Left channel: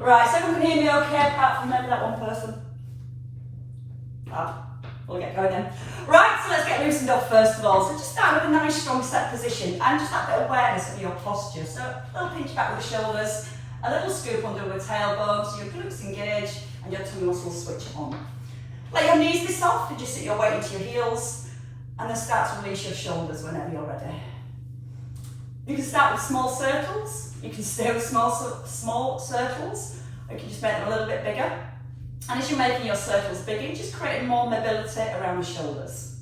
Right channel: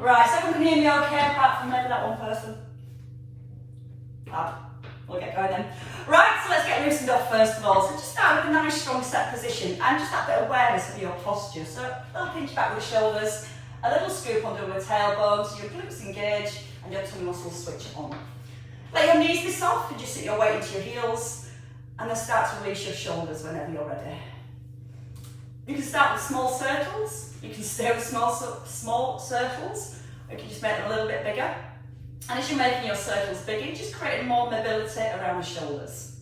Right, so everyone can hear me okay, apart from maybe that one person. Fab. We'll get going then. Right, so let's get loosened up first of all. So just start with a nice strong set position and just that bit of awareness of your posture. So a little pinch back with the shoulders, a little scoop under with the tailbone, so your glutes engage and your tummy muscles switch on. Let your knees be soft and just sit your weight into your heels and then start to release your shoulders whenever you're ready. You can start with small circles, you can stay with small circles, or you can just make them a little bit bigger. And as you're making your circles bigger, you're just creating more mobility around the shoulders.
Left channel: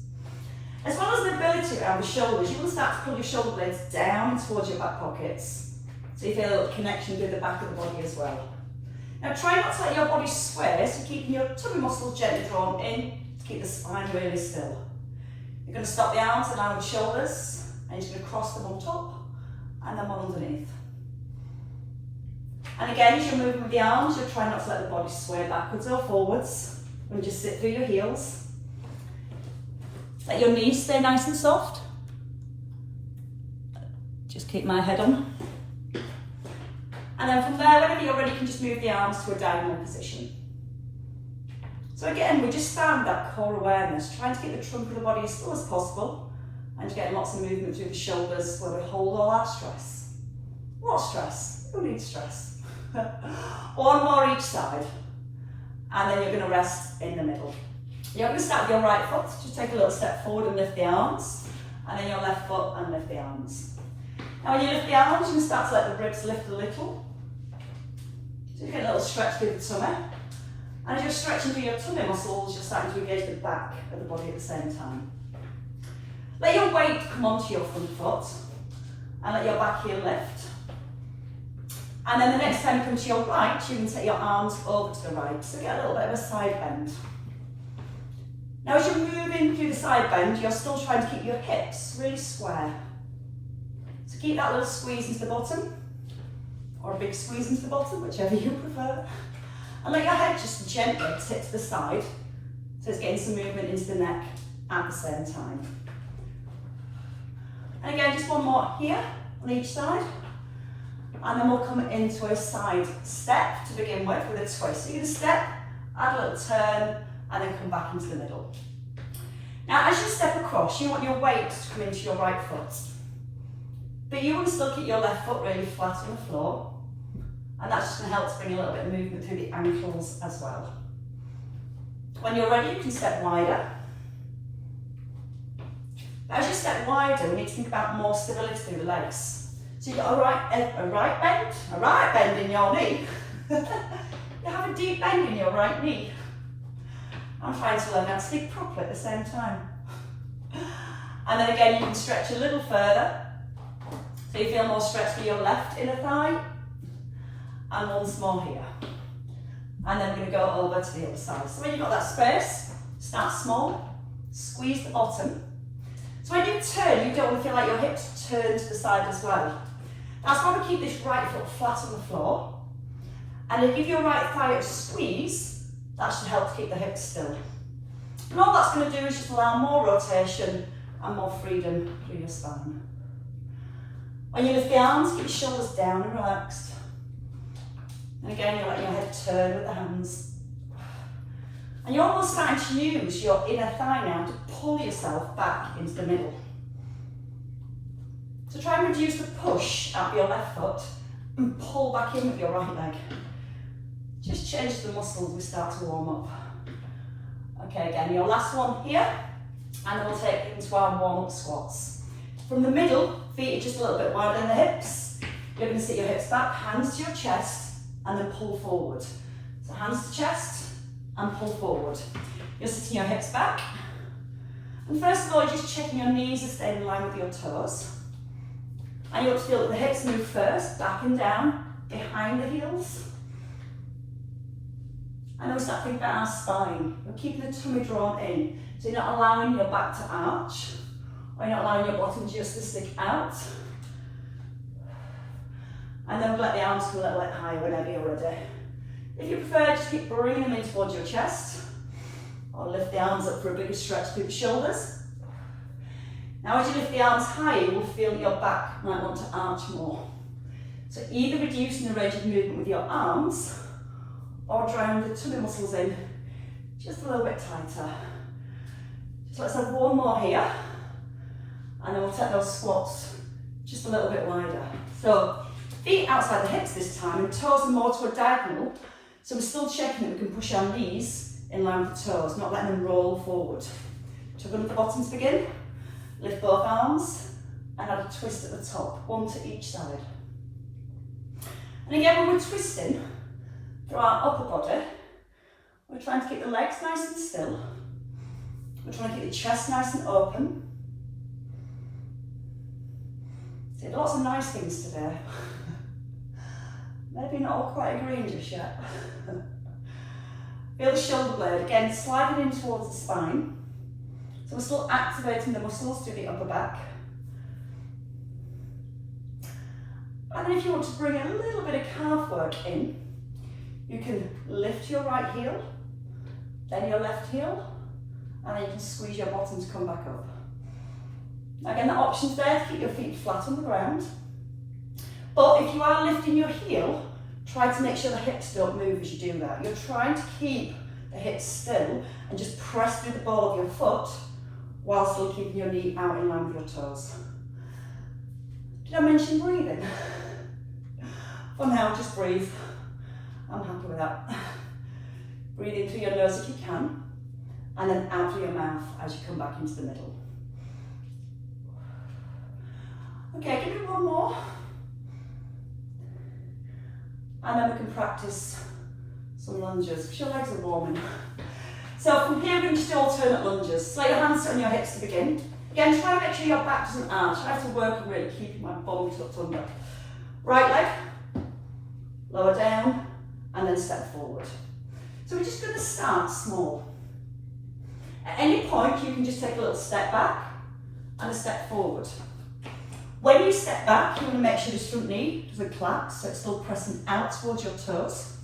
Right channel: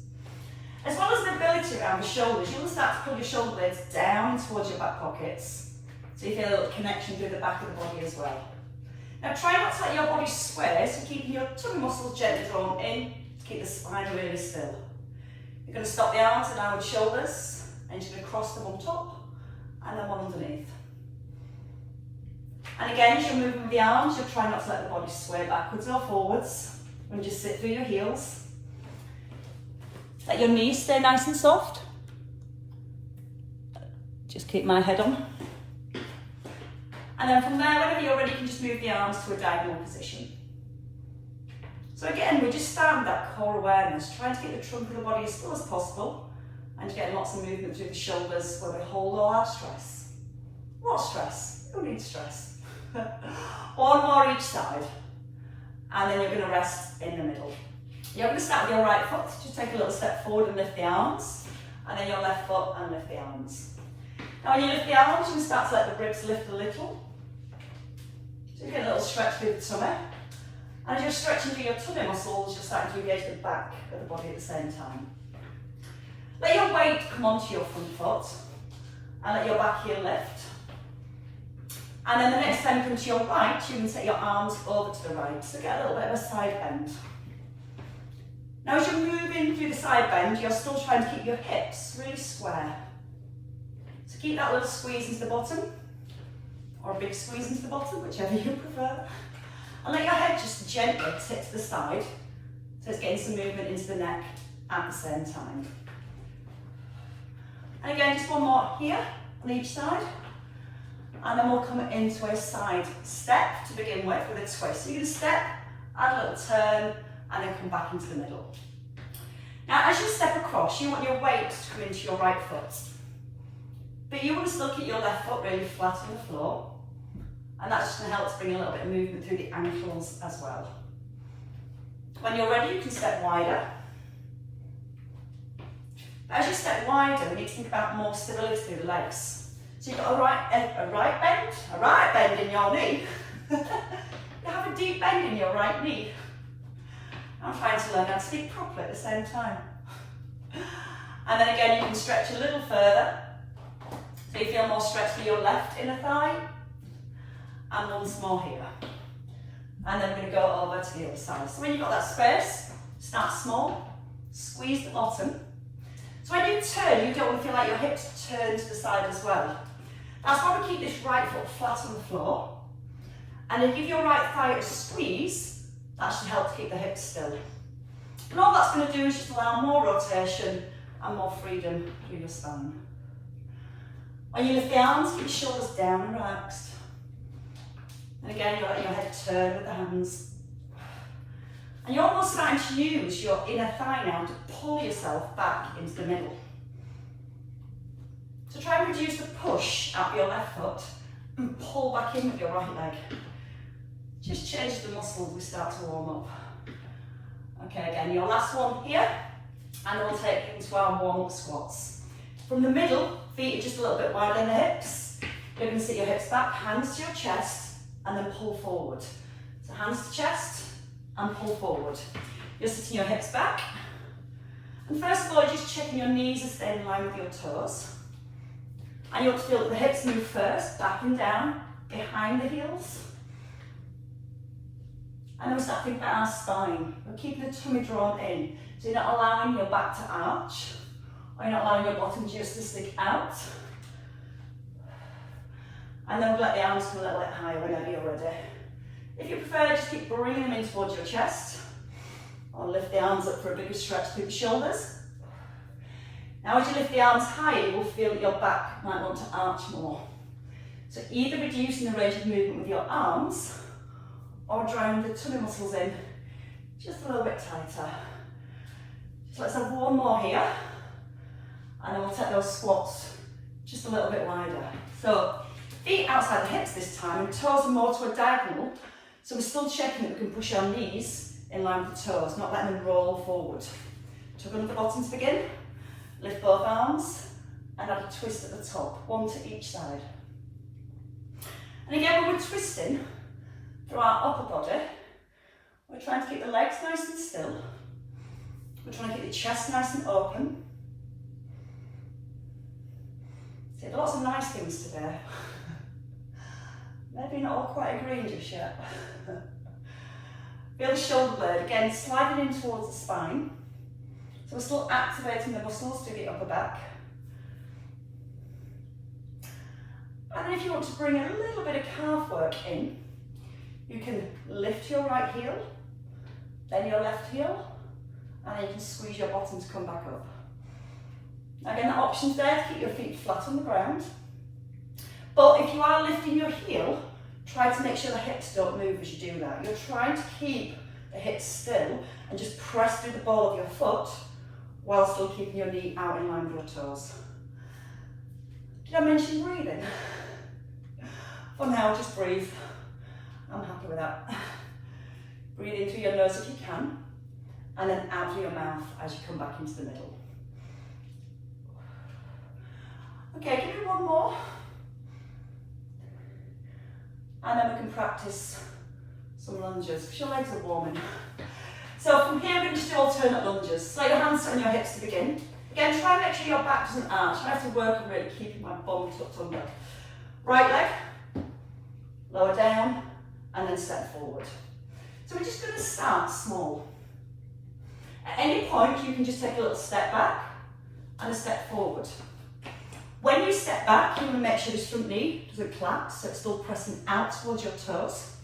As well as mobility around the shoulders, you will start to pull your shoulder blades down towards your back pockets. So you feel a little connection with the back of the body as well. Now try not to let your body sway, so keeping your tummy muscles gently drawn in to keep the spine really still. You're going to stop the arms and downward shoulders, and you're going to cross them on top and then one underneath. And again, as you're moving with the arms, you're trying not to let the body sway backwards or forwards. And just sit through your heels. Let your knees stay nice and soft. Just keep my head on. And then from there, whenever you're ready, you can just move the arms to a diagonal position. So again, we're just starting that core awareness, trying to keep the trunk of the body as still as possible and getting lots of movement through the shoulders where we hold all our stress. What stress? Who needs stress? One more each side. And then you're going to rest in the middle. You're going to start with your right foot. Just take a little step forward and lift the arms. And then your left foot and lift the arms. Now when you lift the arms, you can start to let the ribs lift a little. So you get a little stretch through the tummy. And as you're stretching through your tummy muscles, you're starting to engage the back of the body at the same time. Let your weight come onto your front foot. And let your back heel lift. And then the next time you come to your right, you can take your arms over to the right. So get a little bit of a side bend. Now as you're moving through the side bend, you're still trying to keep your hips really square. So keep that little squeeze into the bottom, or a big squeeze into the bottom, whichever you prefer. And let your head just gently tip to the side, so it's getting some movement into the neck at the same time. And again, just one more here on each side. And then we'll come into a side step to begin with a twist. So you're going to step, add a little turn, and then come back into the middle. Now as you step across, you want your weight to come into your right foot. But you want to still keep your left foot really flat on the floor. And that's just going to help to bring a little bit of movement through the ankles as well. When you're ready, you can step wider. But as you step wider, you need to think about more stability through the legs. So you've got a right bend in your knee. You have a deep bend in your right knee. I'm trying to learn how to speak properly at the same time. And then again, you can stretch a little further. So you feel more stretch for your left inner thigh. And once more here. And then we're going to go over to the other side. So when you've got that space, start small, squeeze the bottom. So when you turn, you don't want to feel like your hips turn to the side as well. That's why we keep this right foot flat on the floor. And then give your right thigh a squeeze. That should help to keep the hips still. And all that's going to do is just allow more rotation and more freedom through your spine. When you lift the arms, keep your shoulders down and relaxed. And again, you'll let your head turn with the hands. And you're almost starting to use your inner thigh now to pull yourself back into the middle. So try and reduce the push out of your left foot and pull back in with your right leg. Just change the muscles as we start to warm up. Okay, again, your last one here, and then we'll take it into our warm-up squats. From the middle, feet are just a little bit wider than the hips. You're going to sit your hips back, hands to your chest, and then pull forward. So hands to chest, and pull forward. You're sitting your hips back. And first of all, just checking your knees are staying in line with your toes. And you want to feel that the hips move first, back and down, behind the heels. And then we start thinking about our spine. We're keeping the tummy drawn in. So you're not allowing your back to arch, or you're not allowing your bottom just to stick out. And then let the arms come a little bit higher whenever you're ready. If you prefer, just keep bringing them in towards your chest, or lift the arms up for a bigger stretch through the shoulders. Now as you lift the arms higher, you will feel that your back might want to arch more. So either reducing the range of movement with your arms, or drawing the tummy muscles in just a little bit tighter. So let's have one more here, and then we'll take those squats just a little bit wider. So feet outside the hips this time, and toes are more to a diagonal, so we're still checking that we can push our knees in line with the toes, not letting them roll forward. Tug under the bottom to begin, lift both arms, and add a twist at the top, one to each side. And again, when we're twisting through our upper body, we're trying to keep the legs nice and still. We're trying to keep the chest nice and open. Did lots of nice things today. Maybe not all quite agreeing just yet. Feel the shoulder blade, again, sliding in towards the spine. So we're still activating the muscles to the upper back. And then if you want to bring a little bit of calf work in, you can lift your right heel, then your left heel, and then you can squeeze your bottom to come back up. Again, the option's there to keep your feet flat on the ground. But if you are lifting your heel, try to make sure the hips don't move as you do that. You're trying to keep the hips still and just press through the ball of your foot while still keeping your knee out in line with your toes. Did I mention breathing? For now, just breathe. I'm happy with that. Breathe in through your nose if you can, and then out through your mouth as you come back into the middle. Okay, give me one more. And then we can practice some lunges, because your legs are warming. So from here, we can just do alternate lunges. So your hands sit on your hips to begin. Again, try and make sure your back doesn't arch. I have to work on really keeping my bum tucked under. Right leg, lower down, and then step forward. So we're just going to start small. At any point, you can just take a little step back and a step forward. When you step back, you want to make sure this front knee doesn't collapse, so it's still pressing out towards your toes.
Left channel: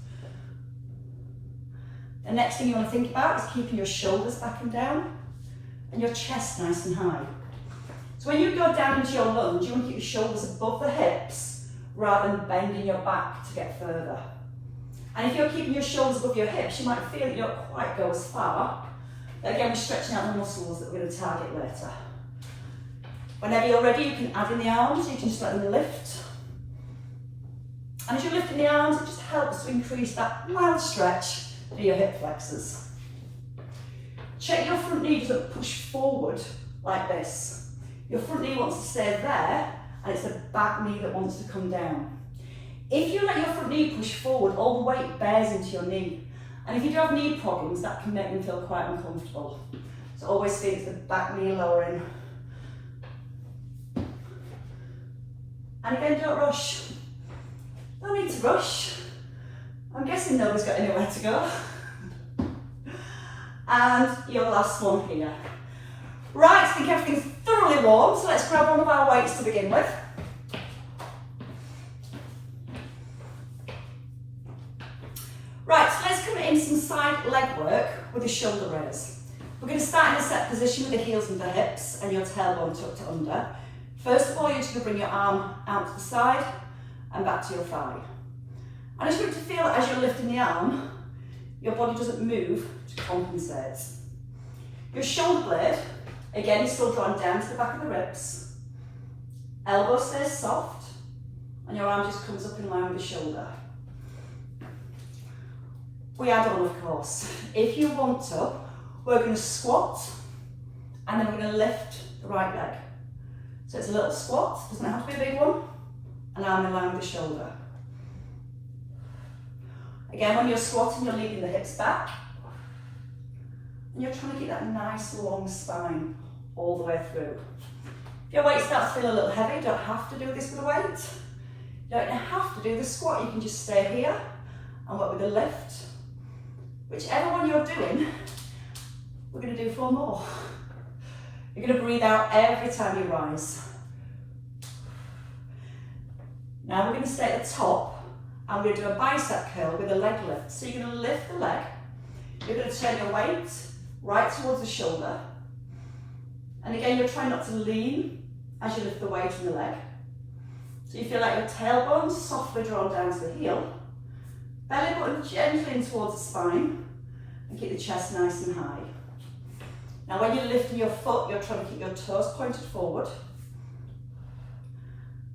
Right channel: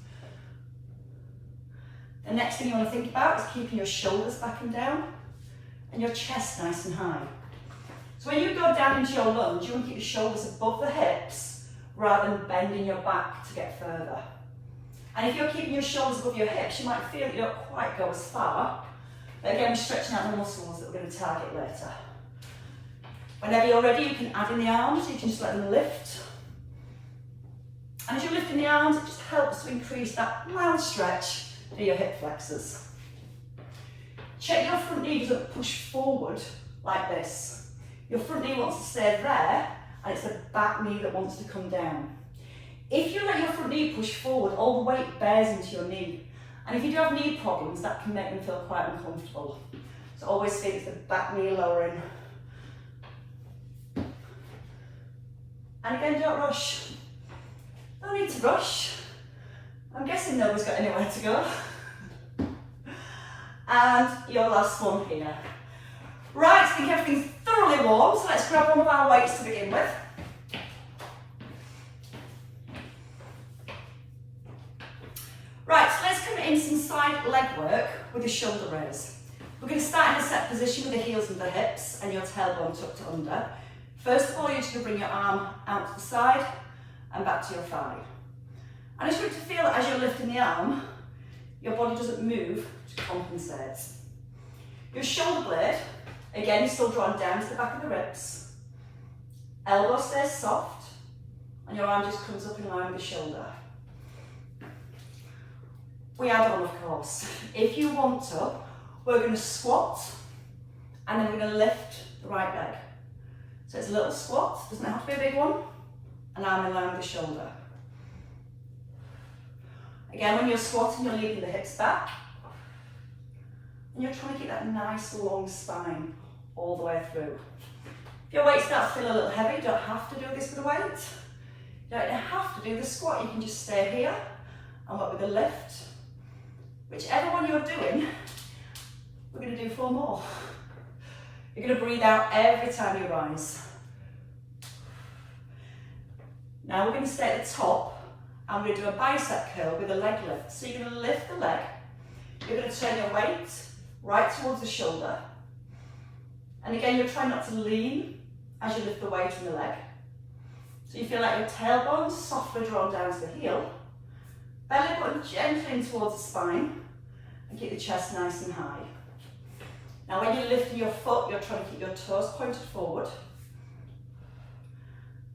The next thing you want to think about is keeping your shoulders back and down and your chest nice and high. So when you go down into your lunge, you want to keep your shoulders above the hips rather than bending your back to get further. And if you're keeping your shoulders above your hips, you might feel that you don't quite go as far. But again, we're stretching out the muscles that we're going to target later. Whenever you're ready, you can add in the arms, you can just let them lift. And as you're lifting the arms, it just helps to increase that mild stretch through your hip flexors. Check your front knee doesn't push forward like this. Your front knee wants to stay there, and it's the back knee that wants to come down. If you let your front knee push forward, all the weight bears into your knee. And if you do have knee problems, that can make them feel quite uncomfortable. So always feel it's the back knee lowering. And again, don't rush. No need to rush. I'm guessing nobody's got anywhere to go. And your last one here. Right, I think everything's thoroughly warm, so let's grab one of our weights to begin with. Right, so let's come in some side leg work with a shoulder raise. We're going to start in a set position with the heels and the hips and your tailbone tucked under. First of all, you're just going to bring your arm out to the side and back to your thigh. And I just want you to feel that as you're lifting the arm, your body doesn't move to compensate. Your shoulder blade, again, is still drawn down to the back of the ribs. Elbow stays soft, and your arm just comes up in line with the shoulder. We add on, of course. If you want to, we're going to squat, and then we're going to lift the right leg. So it's a little squat, doesn't have to be a big one, and arm in line with the shoulder. Again, when you're squatting, you're leading the hips back, and you're trying to keep that nice long spine all the way through. If your weight starts to feel a little heavy, you don't have to do this with a weight. You don't have to do the squat, you can just stay here and work with the lift. Whichever one you're doing, we're going to do 4 more. You're going to breathe out every time you rise. Now we're going to stay at the top and we're going to do a bicep curl with a leg lift. So you're going to lift the leg, you're going to turn your weight right towards the shoulder. And again, you're trying not to lean as you lift the weight in the leg. So you feel like your tailbone's softly drawn down to the heel, Belly button gently in towards the spine and keep the chest nice and high. Now when you're lifting your foot, you're trying to keep your toes pointed forward.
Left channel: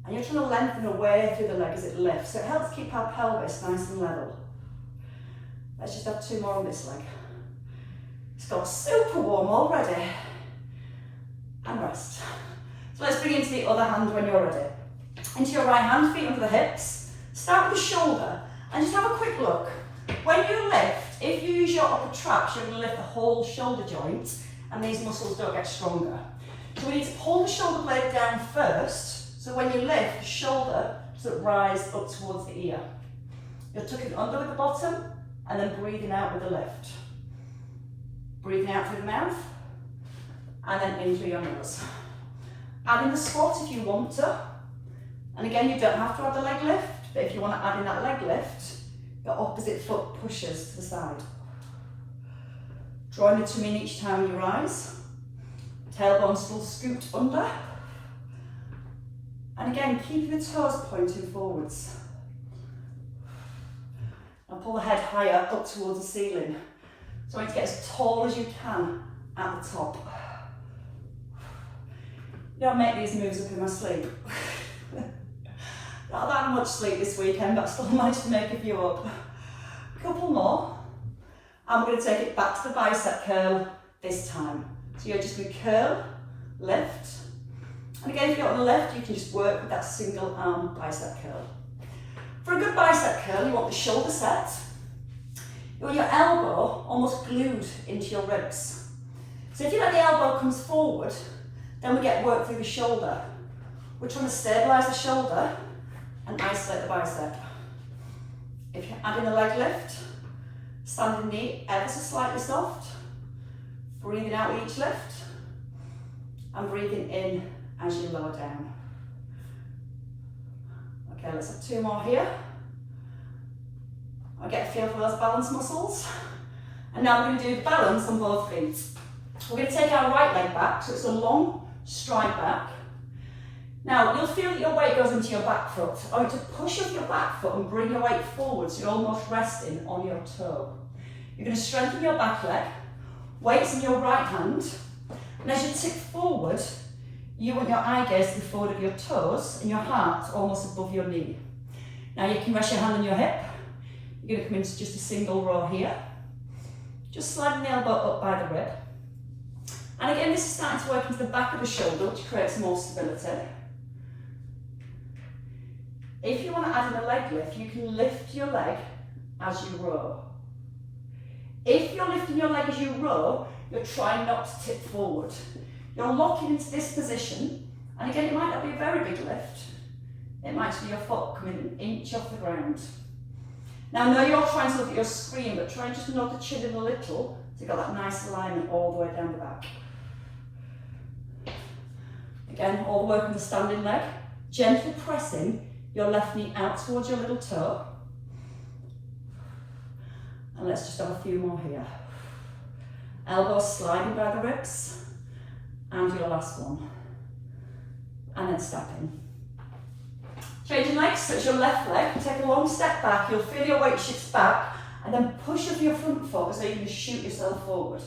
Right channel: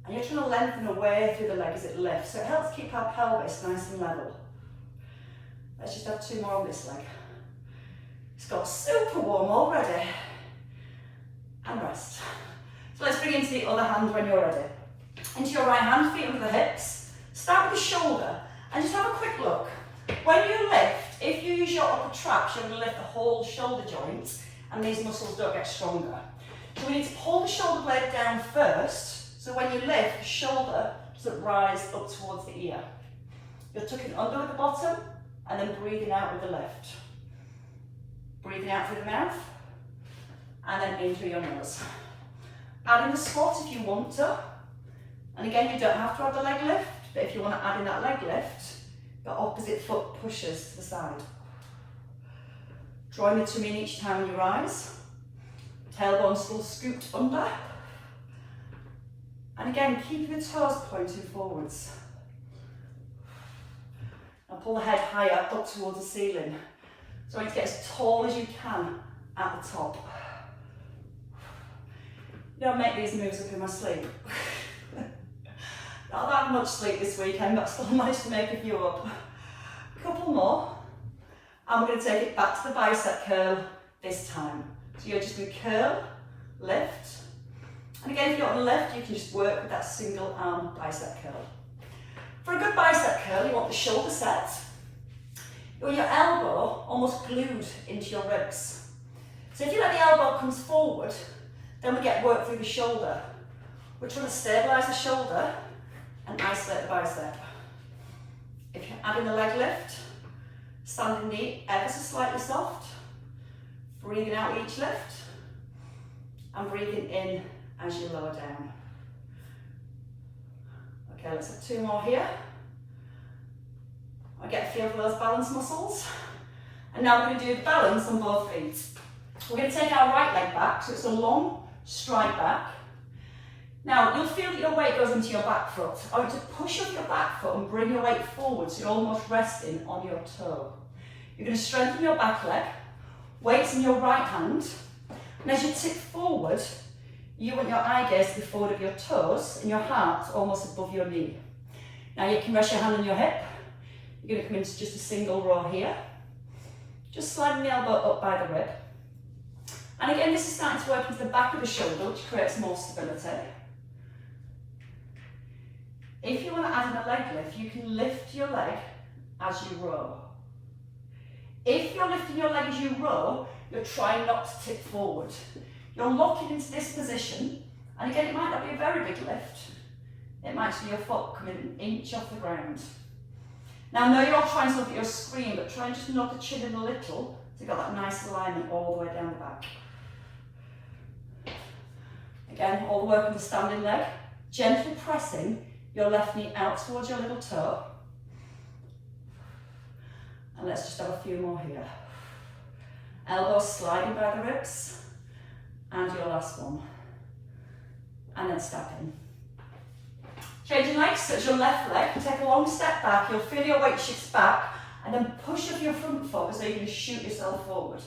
And you're trying to lengthen away through the leg as it lifts. So it helps keep our pelvis nice and level. Let's just have 2 more on this leg. It's got super warm already. And rest. So let's bring it into the other hand when you're ready. Into your right hand, feet under the hips. Start with the shoulder and just have a quick look. When you lift, if you use your upper traps, you're going to lift the whole shoulder joint and these muscles don't get stronger. So we need to pull the shoulder blade down first, so when you lift, the shoulder doesn't rise up towards the ear. You're tucking under with the bottom and then breathing out with the lift. Breathing out through the mouth and then in through your nose. Add in the squat if you want to. And again, you don't have to add the leg lift, but if you want to add in that leg lift, the opposite foot pushes to the side. Drawing the tummy in each time you rise. Tailbone still scooped under. And again, keep your toes pointing forwards. And pull the head higher up towards the ceiling. So you need to get as tall as you can at the top. You don't make these moves up in my sleep. Not that much sleep this weekend, but I still managed to make a few up. A couple more. And we're going to take it back to the bicep curl this time. So you're just going to curl, lift. And again, if you don't want to lift, you can just work with that single arm bicep curl. For a good bicep curl, you want the shoulder set. You want your elbow almost glued into your ribs. So if you let the elbow comes forward, then we get work through the shoulder. We're trying to stabilise the shoulder and isolate the bicep. If you add in a leg lift, standing knee ever so slightly soft, breathing out with each lift, and breathing in as you lower down. Okay, let's have 2 more here. I get a feel for those balance muscles. And now we're going to do the balance on both feet. We're going to take our right leg back, so it's a long stride back. Now, you'll feel that your weight goes into your back foot. I want to push up your back foot and bring your weight forward so you're almost resting on your toe. You're going to strengthen your back leg, weights in your right hand, and as you tick forward, you want your eye gaze to the forward of your toes and your heart almost above your knee. Now you can rest your hand on your hip. You're going to come into just a single row here. Just sliding the elbow up by the rib. And again, this is starting to work into the back of the shoulder, which creates more stability. If you want to add in a leg lift, you can lift your leg as you row. If you're lifting your leg as you row, you're trying not to tip forward. You're locking into this position, and again, it might not be a very big lift. It might be your foot coming an inch off the ground. Now, I know you're trying to look at your screen, but try and just nod the chin in a little, so you've got that nice alignment all the way down the back. Again, all the work on the standing leg, gently pressing your left knee out towards your little toe. And let's just have a few more here. Elbows sliding by the ribs. And your last one. And then step in. Changing legs, so it's your left leg. Take a long step back, you'll feel your weight shifts back, and then push up your front foot as though you're going to shoot yourself forward.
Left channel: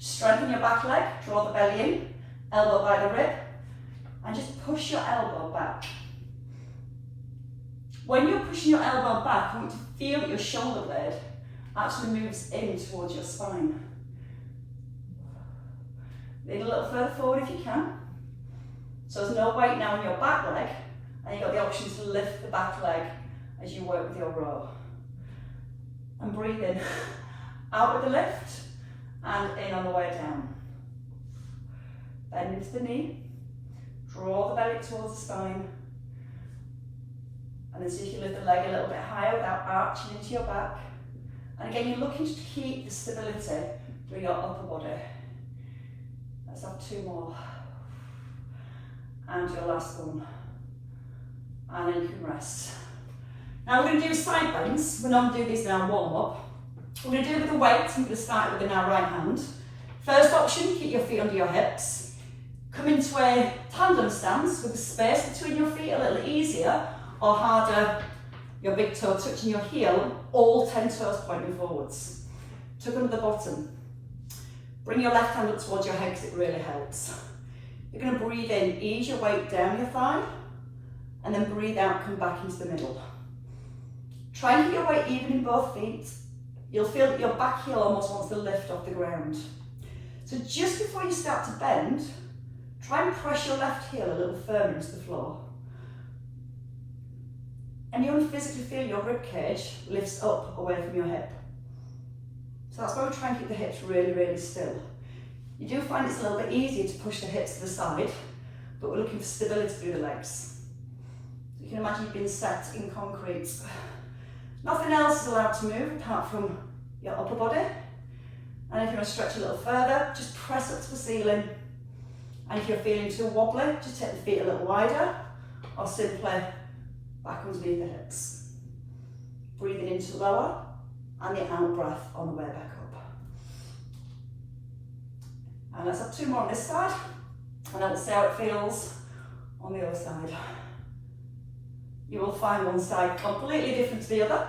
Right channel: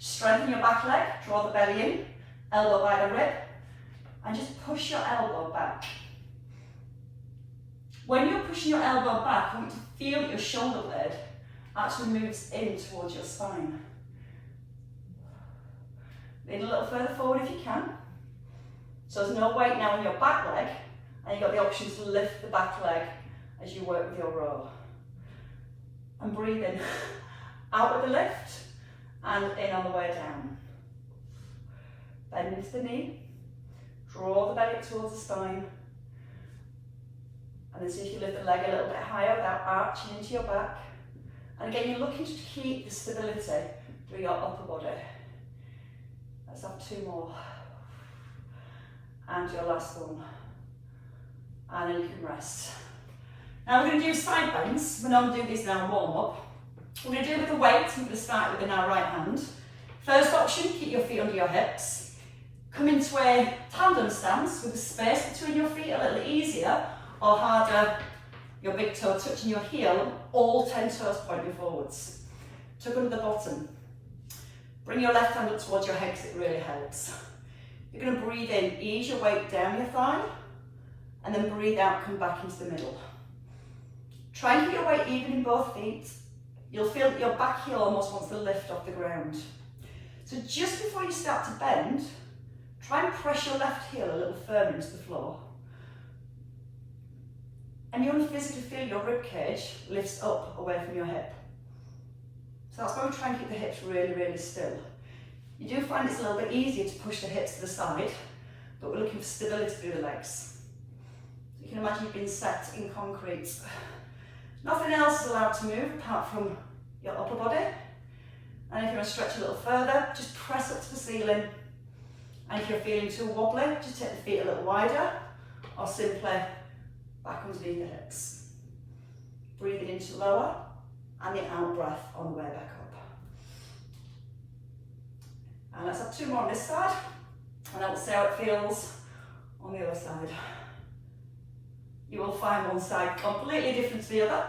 Strengthen your back leg, draw the belly in, elbow by the rib, and just push your elbow back. When you're pushing your elbow back, you want to feel that your shoulder blade actually moves in towards your spine. Lean a little further forward if you can. So there's no weight now in your back leg, and you've got the option to lift the back leg as you work with your row. And breathe in, out with the lift, and in on the way down. Bend into the knee, draw the belly towards the spine, and then see if you lift the leg a little bit higher without arching into your back. And again, you're looking to keep the stability through your upper body. Let's have 2 more. And your last one. And then you can rest. Now we're going to do side bends. We're not going to do these in our warm up. We're going to do it with a weight. We're going to start with in our right hand. First option, keep your feet under your hips. Come into a tandem stance with the space between your feet a little easier or harder your big toe touching your heel, all 10 toes pointing forwards. Tuck under the bottom. Bring your left hand up towards your head because it really helps. You're going to breathe in, ease your weight down your thigh, and then breathe out, come back into the middle. Try and keep your weight even in both feet. You'll feel that your back heel almost wants to lift off the ground. So just before you start to bend, try and press your left heel a little firmer into the floor. And you'll physically feel your rib cage lifts up away from your hip. So that's why we try and keep the hips really, really still. You do find it's a little bit easier to push the hips to the side, but we're looking for stability through the legs. So you can imagine you've been set in concrete. Nothing else is allowed to move apart from your upper body. And if you want to stretch a little further, just press up to the ceiling. And if you're feeling too wobbly, just take the feet a little wider, or simply back underneath the hips. Breathing into lower, and the out breath on the way back up. And let's have 2 more on this side, and then we'll see how it feels on the other side. You will find one side completely different to the other.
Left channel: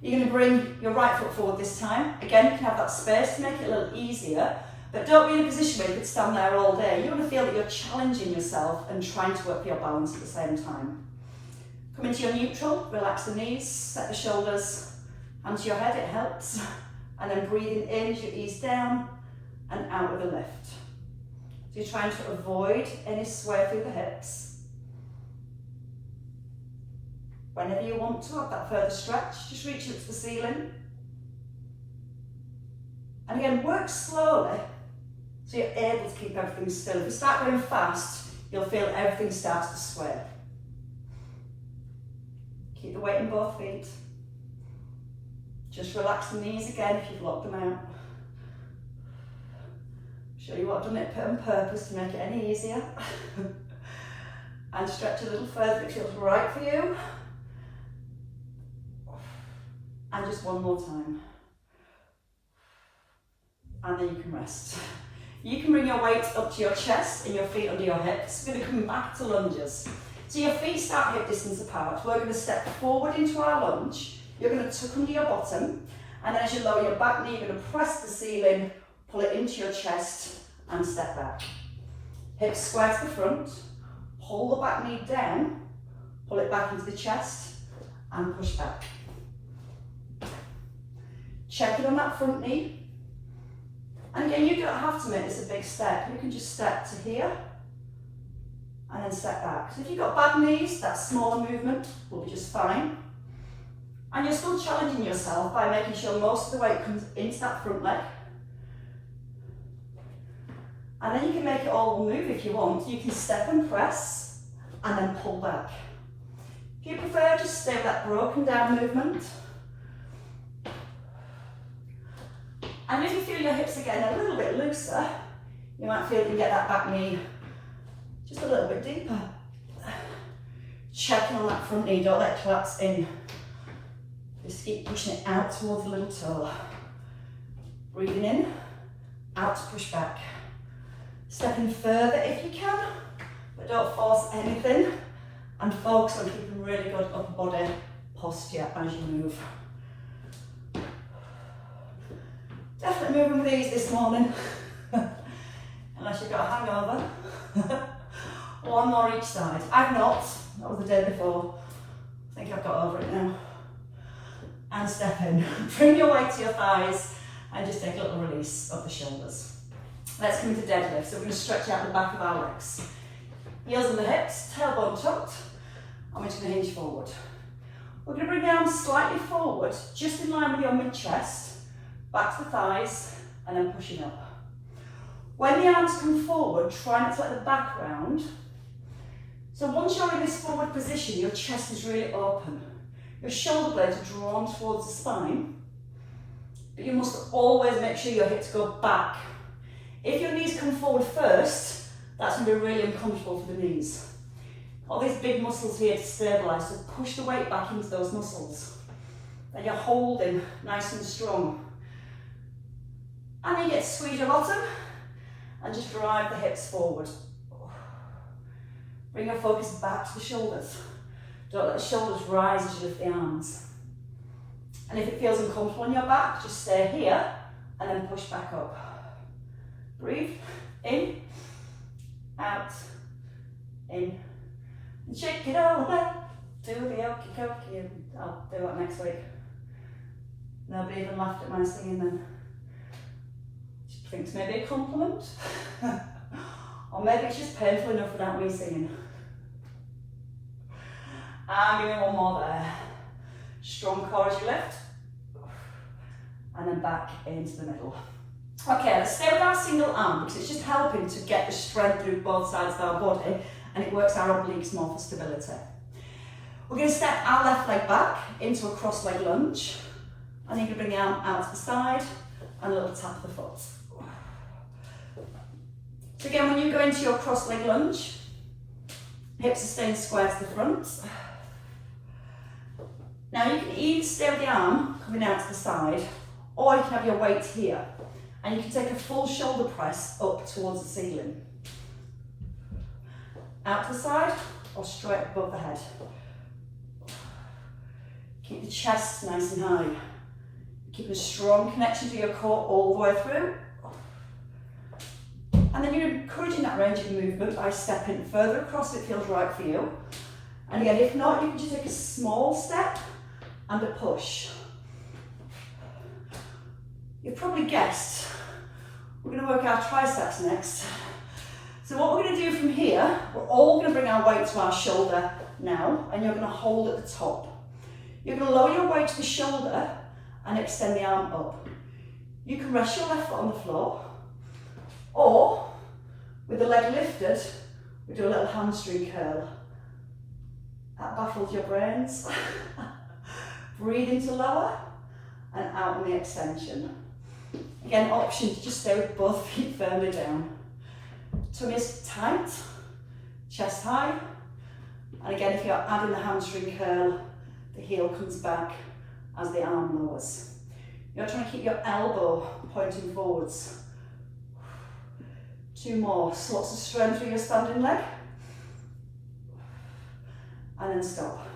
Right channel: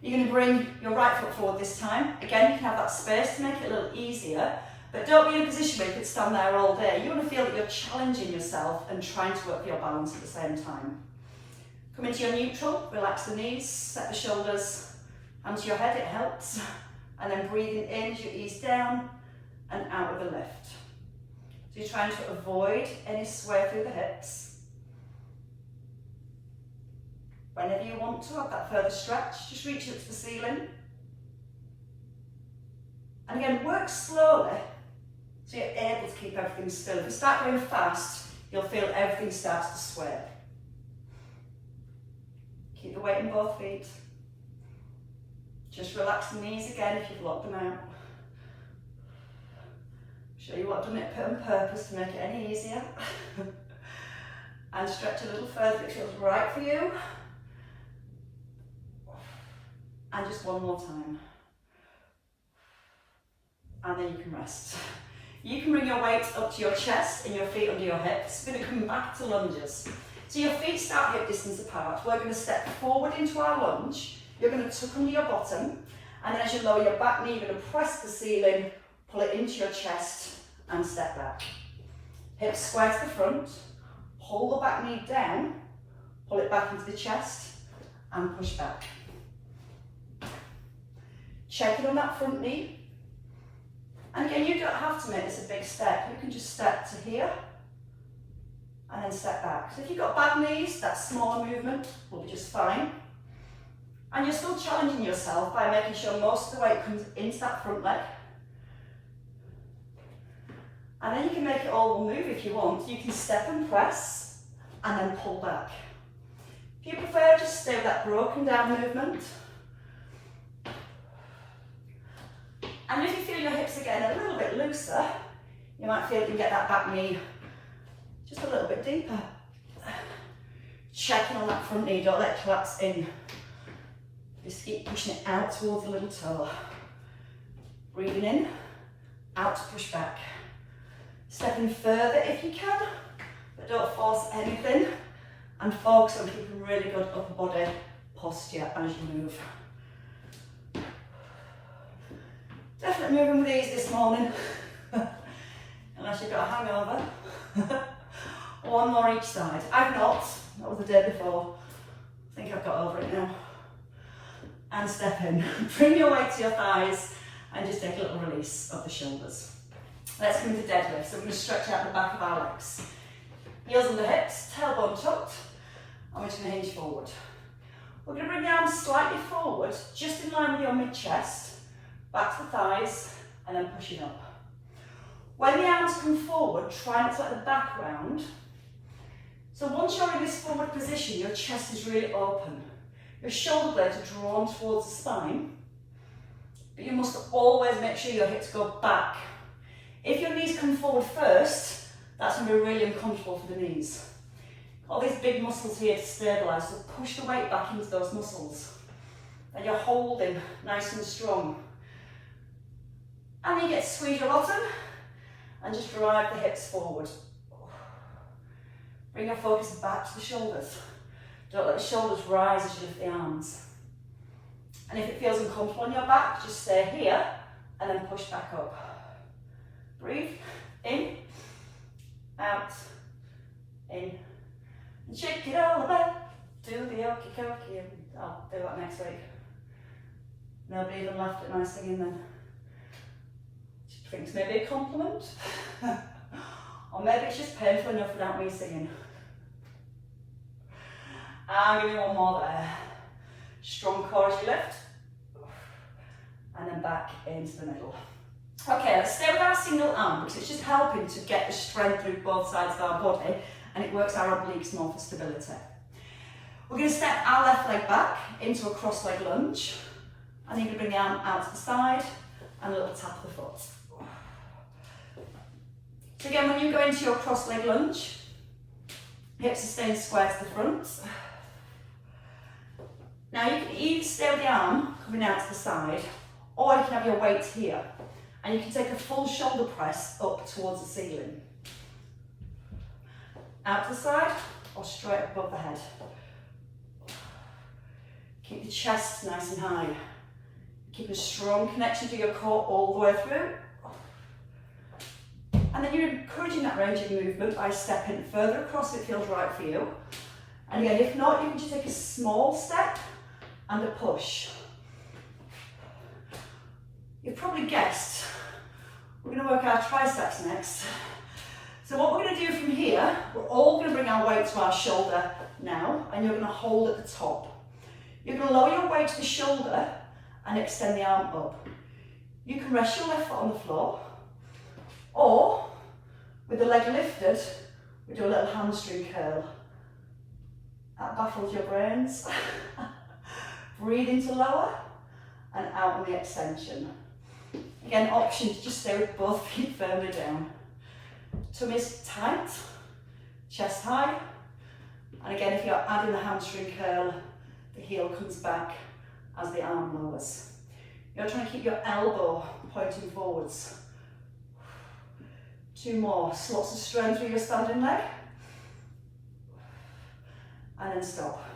You're going to bring your right foot forward this time. Again, you can have that space to make it a little easier, but don't be in a position where you could stand there all day. You want to feel that you're challenging yourself and trying to work for your balance at the same time. Come into your neutral, relax the knees, set the shoulders, hand to your head, it helps. And then breathing in as you ease down and out with a lift. So you're trying to avoid any sway through the hips. Whenever you want to have that further stretch, just reach up to the ceiling. And again, work slowly so you're able to keep everything still. If you start going fast, you'll feel everything starts to sway. Keep the weight in both feet. Just relax the knees again if you've locked them out. Show you what I've done it on purpose to make it any easier. And stretch a little further if it feels right for you. And just one more time. And then you can rest. You can bring your weight up to your chest and your feet under your hips. We're going to come back to lunges. So your feet start hip distance apart. We're going to step forward into our lunge. You're going to tuck under your bottom. And then as you lower your back knee, you're going to press the ceiling, pull it into your chest and step back. Hips square to the front. Hold the back knee down. Pull it back into the chest and push back. Check it on that front knee. And again, you don't have to make this a big step. You can just step to here and then step back. So if you've got bad knees, that smaller movement will be just fine. And you're still challenging yourself by making sure most of the weight comes into that front leg. And then you can make it all move if you want. You can step and press and then pull back. If you prefer, just stay with that broken down movement. And if you feel your hips again a little bit looser, you might feel you can get that back knee just a little bit deeper. Checking on that front knee, don't let it collapse in. Just keep pushing it out towards the little toe. Breathing in, out to push back. Stepping further if you can, but don't force anything. And focus on keeping really good upper body posture as you move. Definitely moving with ease this morning, unless you've got a hangover. One more each side. I've not, that was the day before. I think I've got over it now. And step in. Bring your weight to your thighs and just take a little release of the shoulders. Let's come into deadlift. So we're going to stretch out the back of our legs. Heels on the hips, tailbone tucked, and we're just going to hinge forward. We're going to bring the arms slightly forward, just in line with your mid-chest. Back to the thighs, and then pushing up. When the arms come forward, try not to let the back round. So once you're in this forward position, your chest is really open. Your shoulder blades are drawn towards the spine, but you must always make sure your hips go back. If your knees come forward first, that's going to be really uncomfortable for the knees. All these big muscles here to stabilise, so push the weight back into those muscles. And you're holding nice and strong. And you get to squeeze your bottom and just drive the hips forward. Bring your focus back to the shoulders. Don't let the shoulders rise as you lift the arms. And if it feels uncomfortable on your back, just stay here and then push back up. Breathe, in, out, in. And shake it all about. Do the okie dokie. I'll do that next week. Nobody even laughed at my singing then. She thinks maybe a compliment. Or maybe it's just painful enough without me singing. And give me one more there. Strong core as you lift. And then back into the middle. Okay, let's stay with our single arm because it's just helping to get the strength through both sides of our body and it works our obliques more for stability. We're going to step our left leg back into a cross leg lunge. And then you're going to bring the arm out to the side and a little tap of the foot. So again, when you go into your cross leg lunge, hips are staying square to the front. Now you can either stay with the arm coming out to the side, or you can have your weight here. And you can take a full shoulder press up towards the ceiling. Out to the side, or straight above the head. Keep the chest nice and high. Keep a strong connection to your core all the way through. And then you're encouraging that range of movement by stepping further across if it feels right for you. And again, if not, you can just take a small step and a push. You've probably guessed, we're going to work our triceps next. So what we're going to do from here, we're all going to bring our weight to our shoulder now, and you're going to hold at the top. You're going to lower your weight to the shoulder and extend the arm up. You can rest your left foot on the floor, or with the leg lifted, we do a little hamstring curl. That baffles your brains. Breathe into lower and out on the extension. Again, option to just stay with both feet firmly down. Tummy is tight, chest high. And again, if you're adding the hamstring curl, the heel comes back as the arm lowers. You're trying to keep your elbow pointing forwards. 2 more, so lots of strength through your standing leg. And then stop.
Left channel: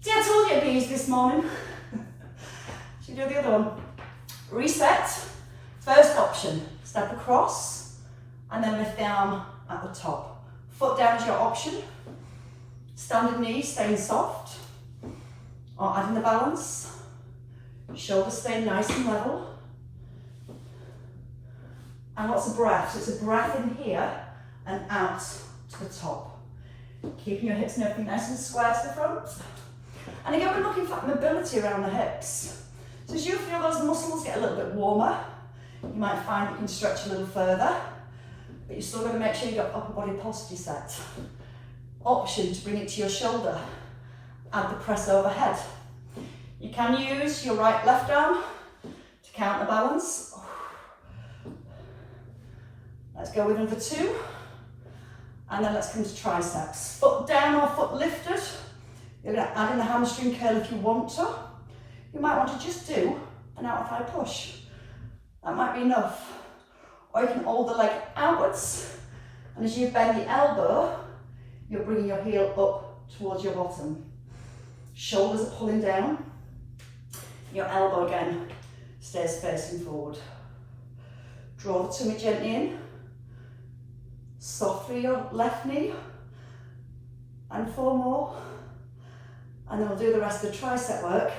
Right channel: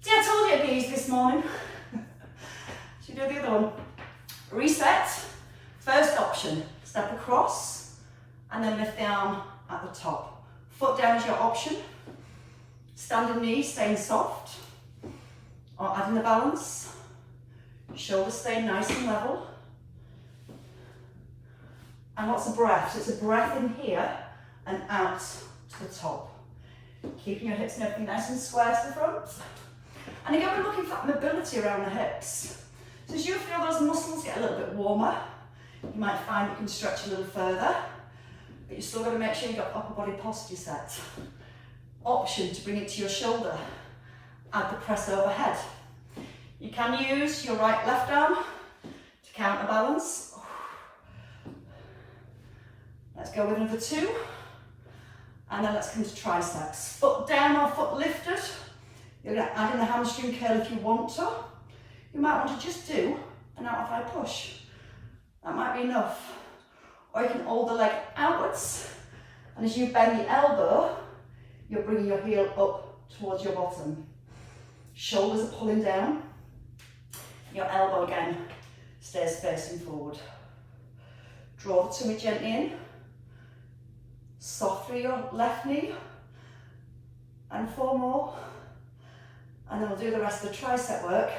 See, I told you it'd be easy this morning. Should we do the other one? Reset. First option, step across and then lift the arm at the top. Foot down is your option. Standing knee staying soft or adding the balance. Shoulders staying nice and level. And lots of breath. So it's a breath in here and out to the top. Keeping your hips and everything nice and square to the front. And again, we're looking for mobility around the hips. So as you feel those muscles get a little bit warmer, you might find you can stretch a little further, but you're still got to make sure you've got upper body posture set. Option to bring it to your shoulder. Add the press overhead. You can use your right left arm to counterbalance. Let's go with another 2. And then let's come to triceps. Foot down or foot lifted. You're going to add in the hamstring curl if you want to. You might want to just do an out-of-thigh push. That might be enough. Or you can hold the leg outwards. And as you bend the elbow, you're bringing your heel up towards your bottom. Shoulders are pulling down. Your elbow again stays facing forward. Draw the tummy gently in. Soft through your left knee. And 4 more. And then we'll do the rest of the tricep work.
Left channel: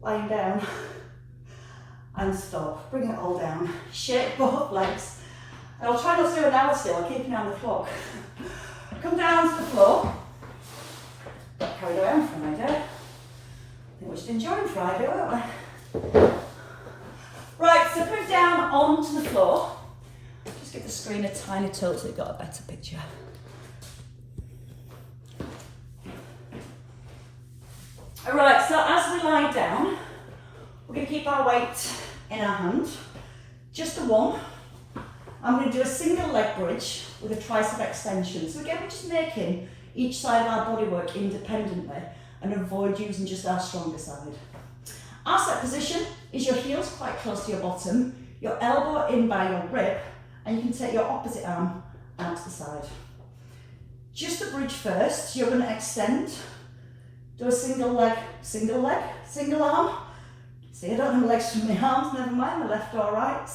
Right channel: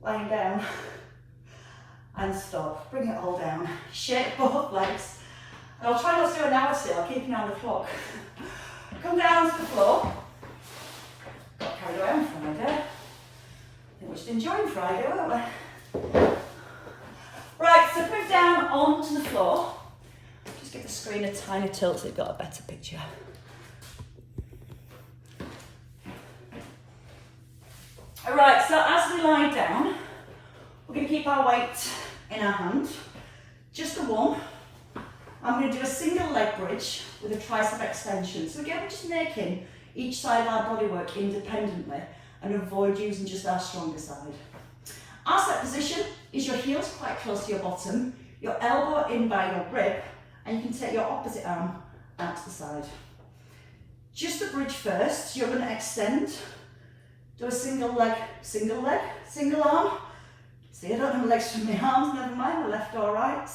Lying down. And stop. Bring it all down. Shake both legs. And I'll try not to do an hour still. I'll keep an eye on the clock. Come down to the floor. Got carried away on Friday. I think we're just enjoying Friday, weren't we? Right, so put down onto the floor. Just get the screen a tiny tilt so you've got a better picture. Alright, so as we lie down, we're going to keep our weight in our hand. Just the one. I'm going to do a single leg bridge with a tricep extension. So again, we're just making each side of our body work independently and avoid using just our stronger side. Our set position is your heels quite close to your bottom, your elbow in by your rib, and you can take your opposite arm out to the side. Just the bridge first. You're going to extend. Do a single leg, single arm. See, I don't have legs from my arms, never mind, my left or right.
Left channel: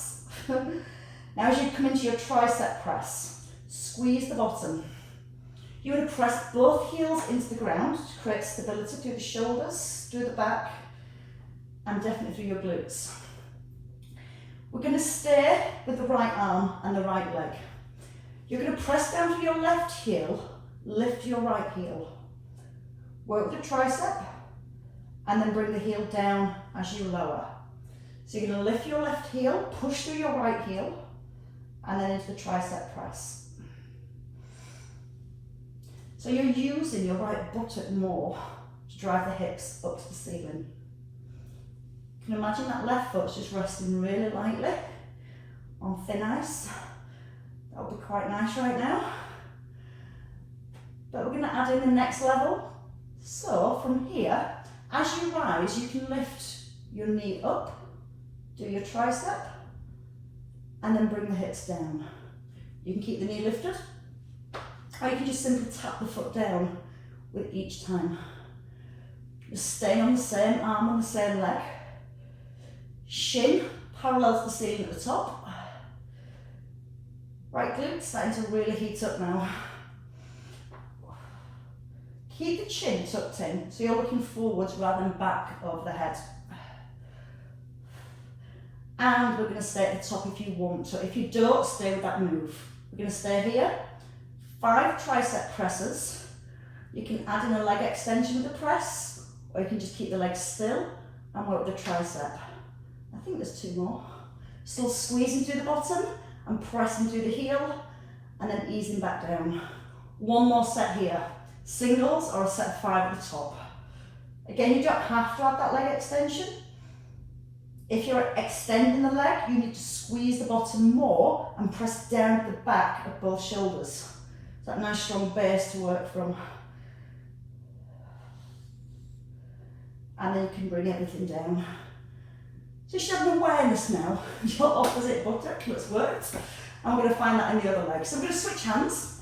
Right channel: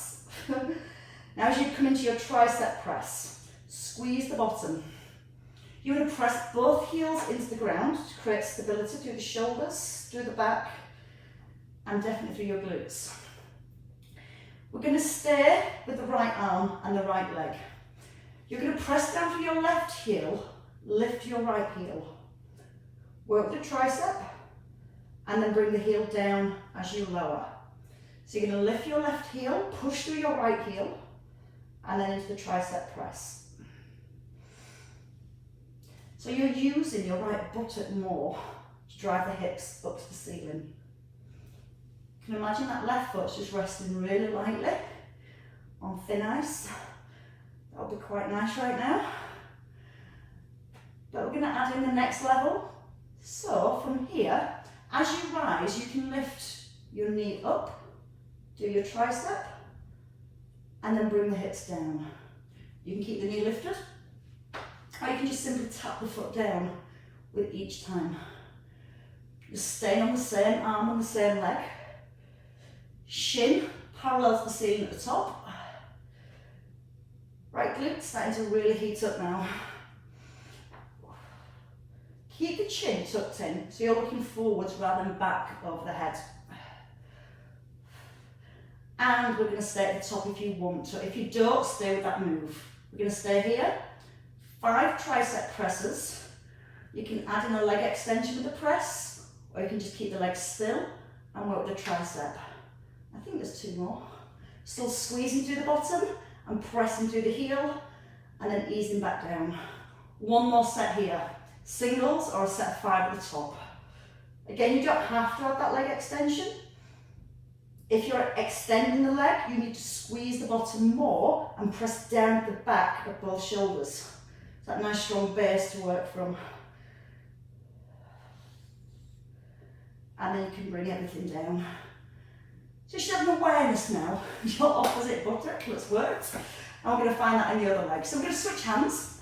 Now as you come into your tricep press, squeeze the bottom. You want to press both heels into the ground to create stability through the shoulders, through the back, and definitely through your glutes. We're going to stay with the right arm and the right leg. You're going to press down to your left heel, lift your right heel. Work the tricep, and then bring the heel down as you lower. So you're going to lift your left heel, push through your right heel, and then into the tricep press. So you're using your right buttock more to drive the hips up to the ceiling. You can imagine that left foot's just resting really lightly on thin ice. That would be quite nice right now. But we're going to add in the next level. So from here, as you rise, you can lift your knee up, do your tricep, and then bring the hips down. You can keep the knee lifted, or you can just simply tap the foot down with each time. Just stay on the same arm and the same leg. Shin parallel to the ceiling at the top. Right glute starting to really heat up now. Keep the chin tucked in, so you're looking forwards rather than back over the head. And we're going to stay at the top if you want to. If you don't, stay with that move. We're going to stay here. 5 tricep presses. You can add in a leg extension with the press, or you can just keep the legs still and work with the tricep. I think there's 2 more. Still squeezing through the bottom and pressing through the heel, and then easing back down. 1 more set here. Singles or a set of 5 at the top. Again, you don't have to add that leg extension. If you're extending the leg, you need to squeeze the bottom more and press down at the back of both shoulders. It's that nice strong base to work from. And then you can bring everything down. So you should have an awareness now. Your opposite buttock, let's work. And we're going to find that in the other leg. So we're going to switch hands.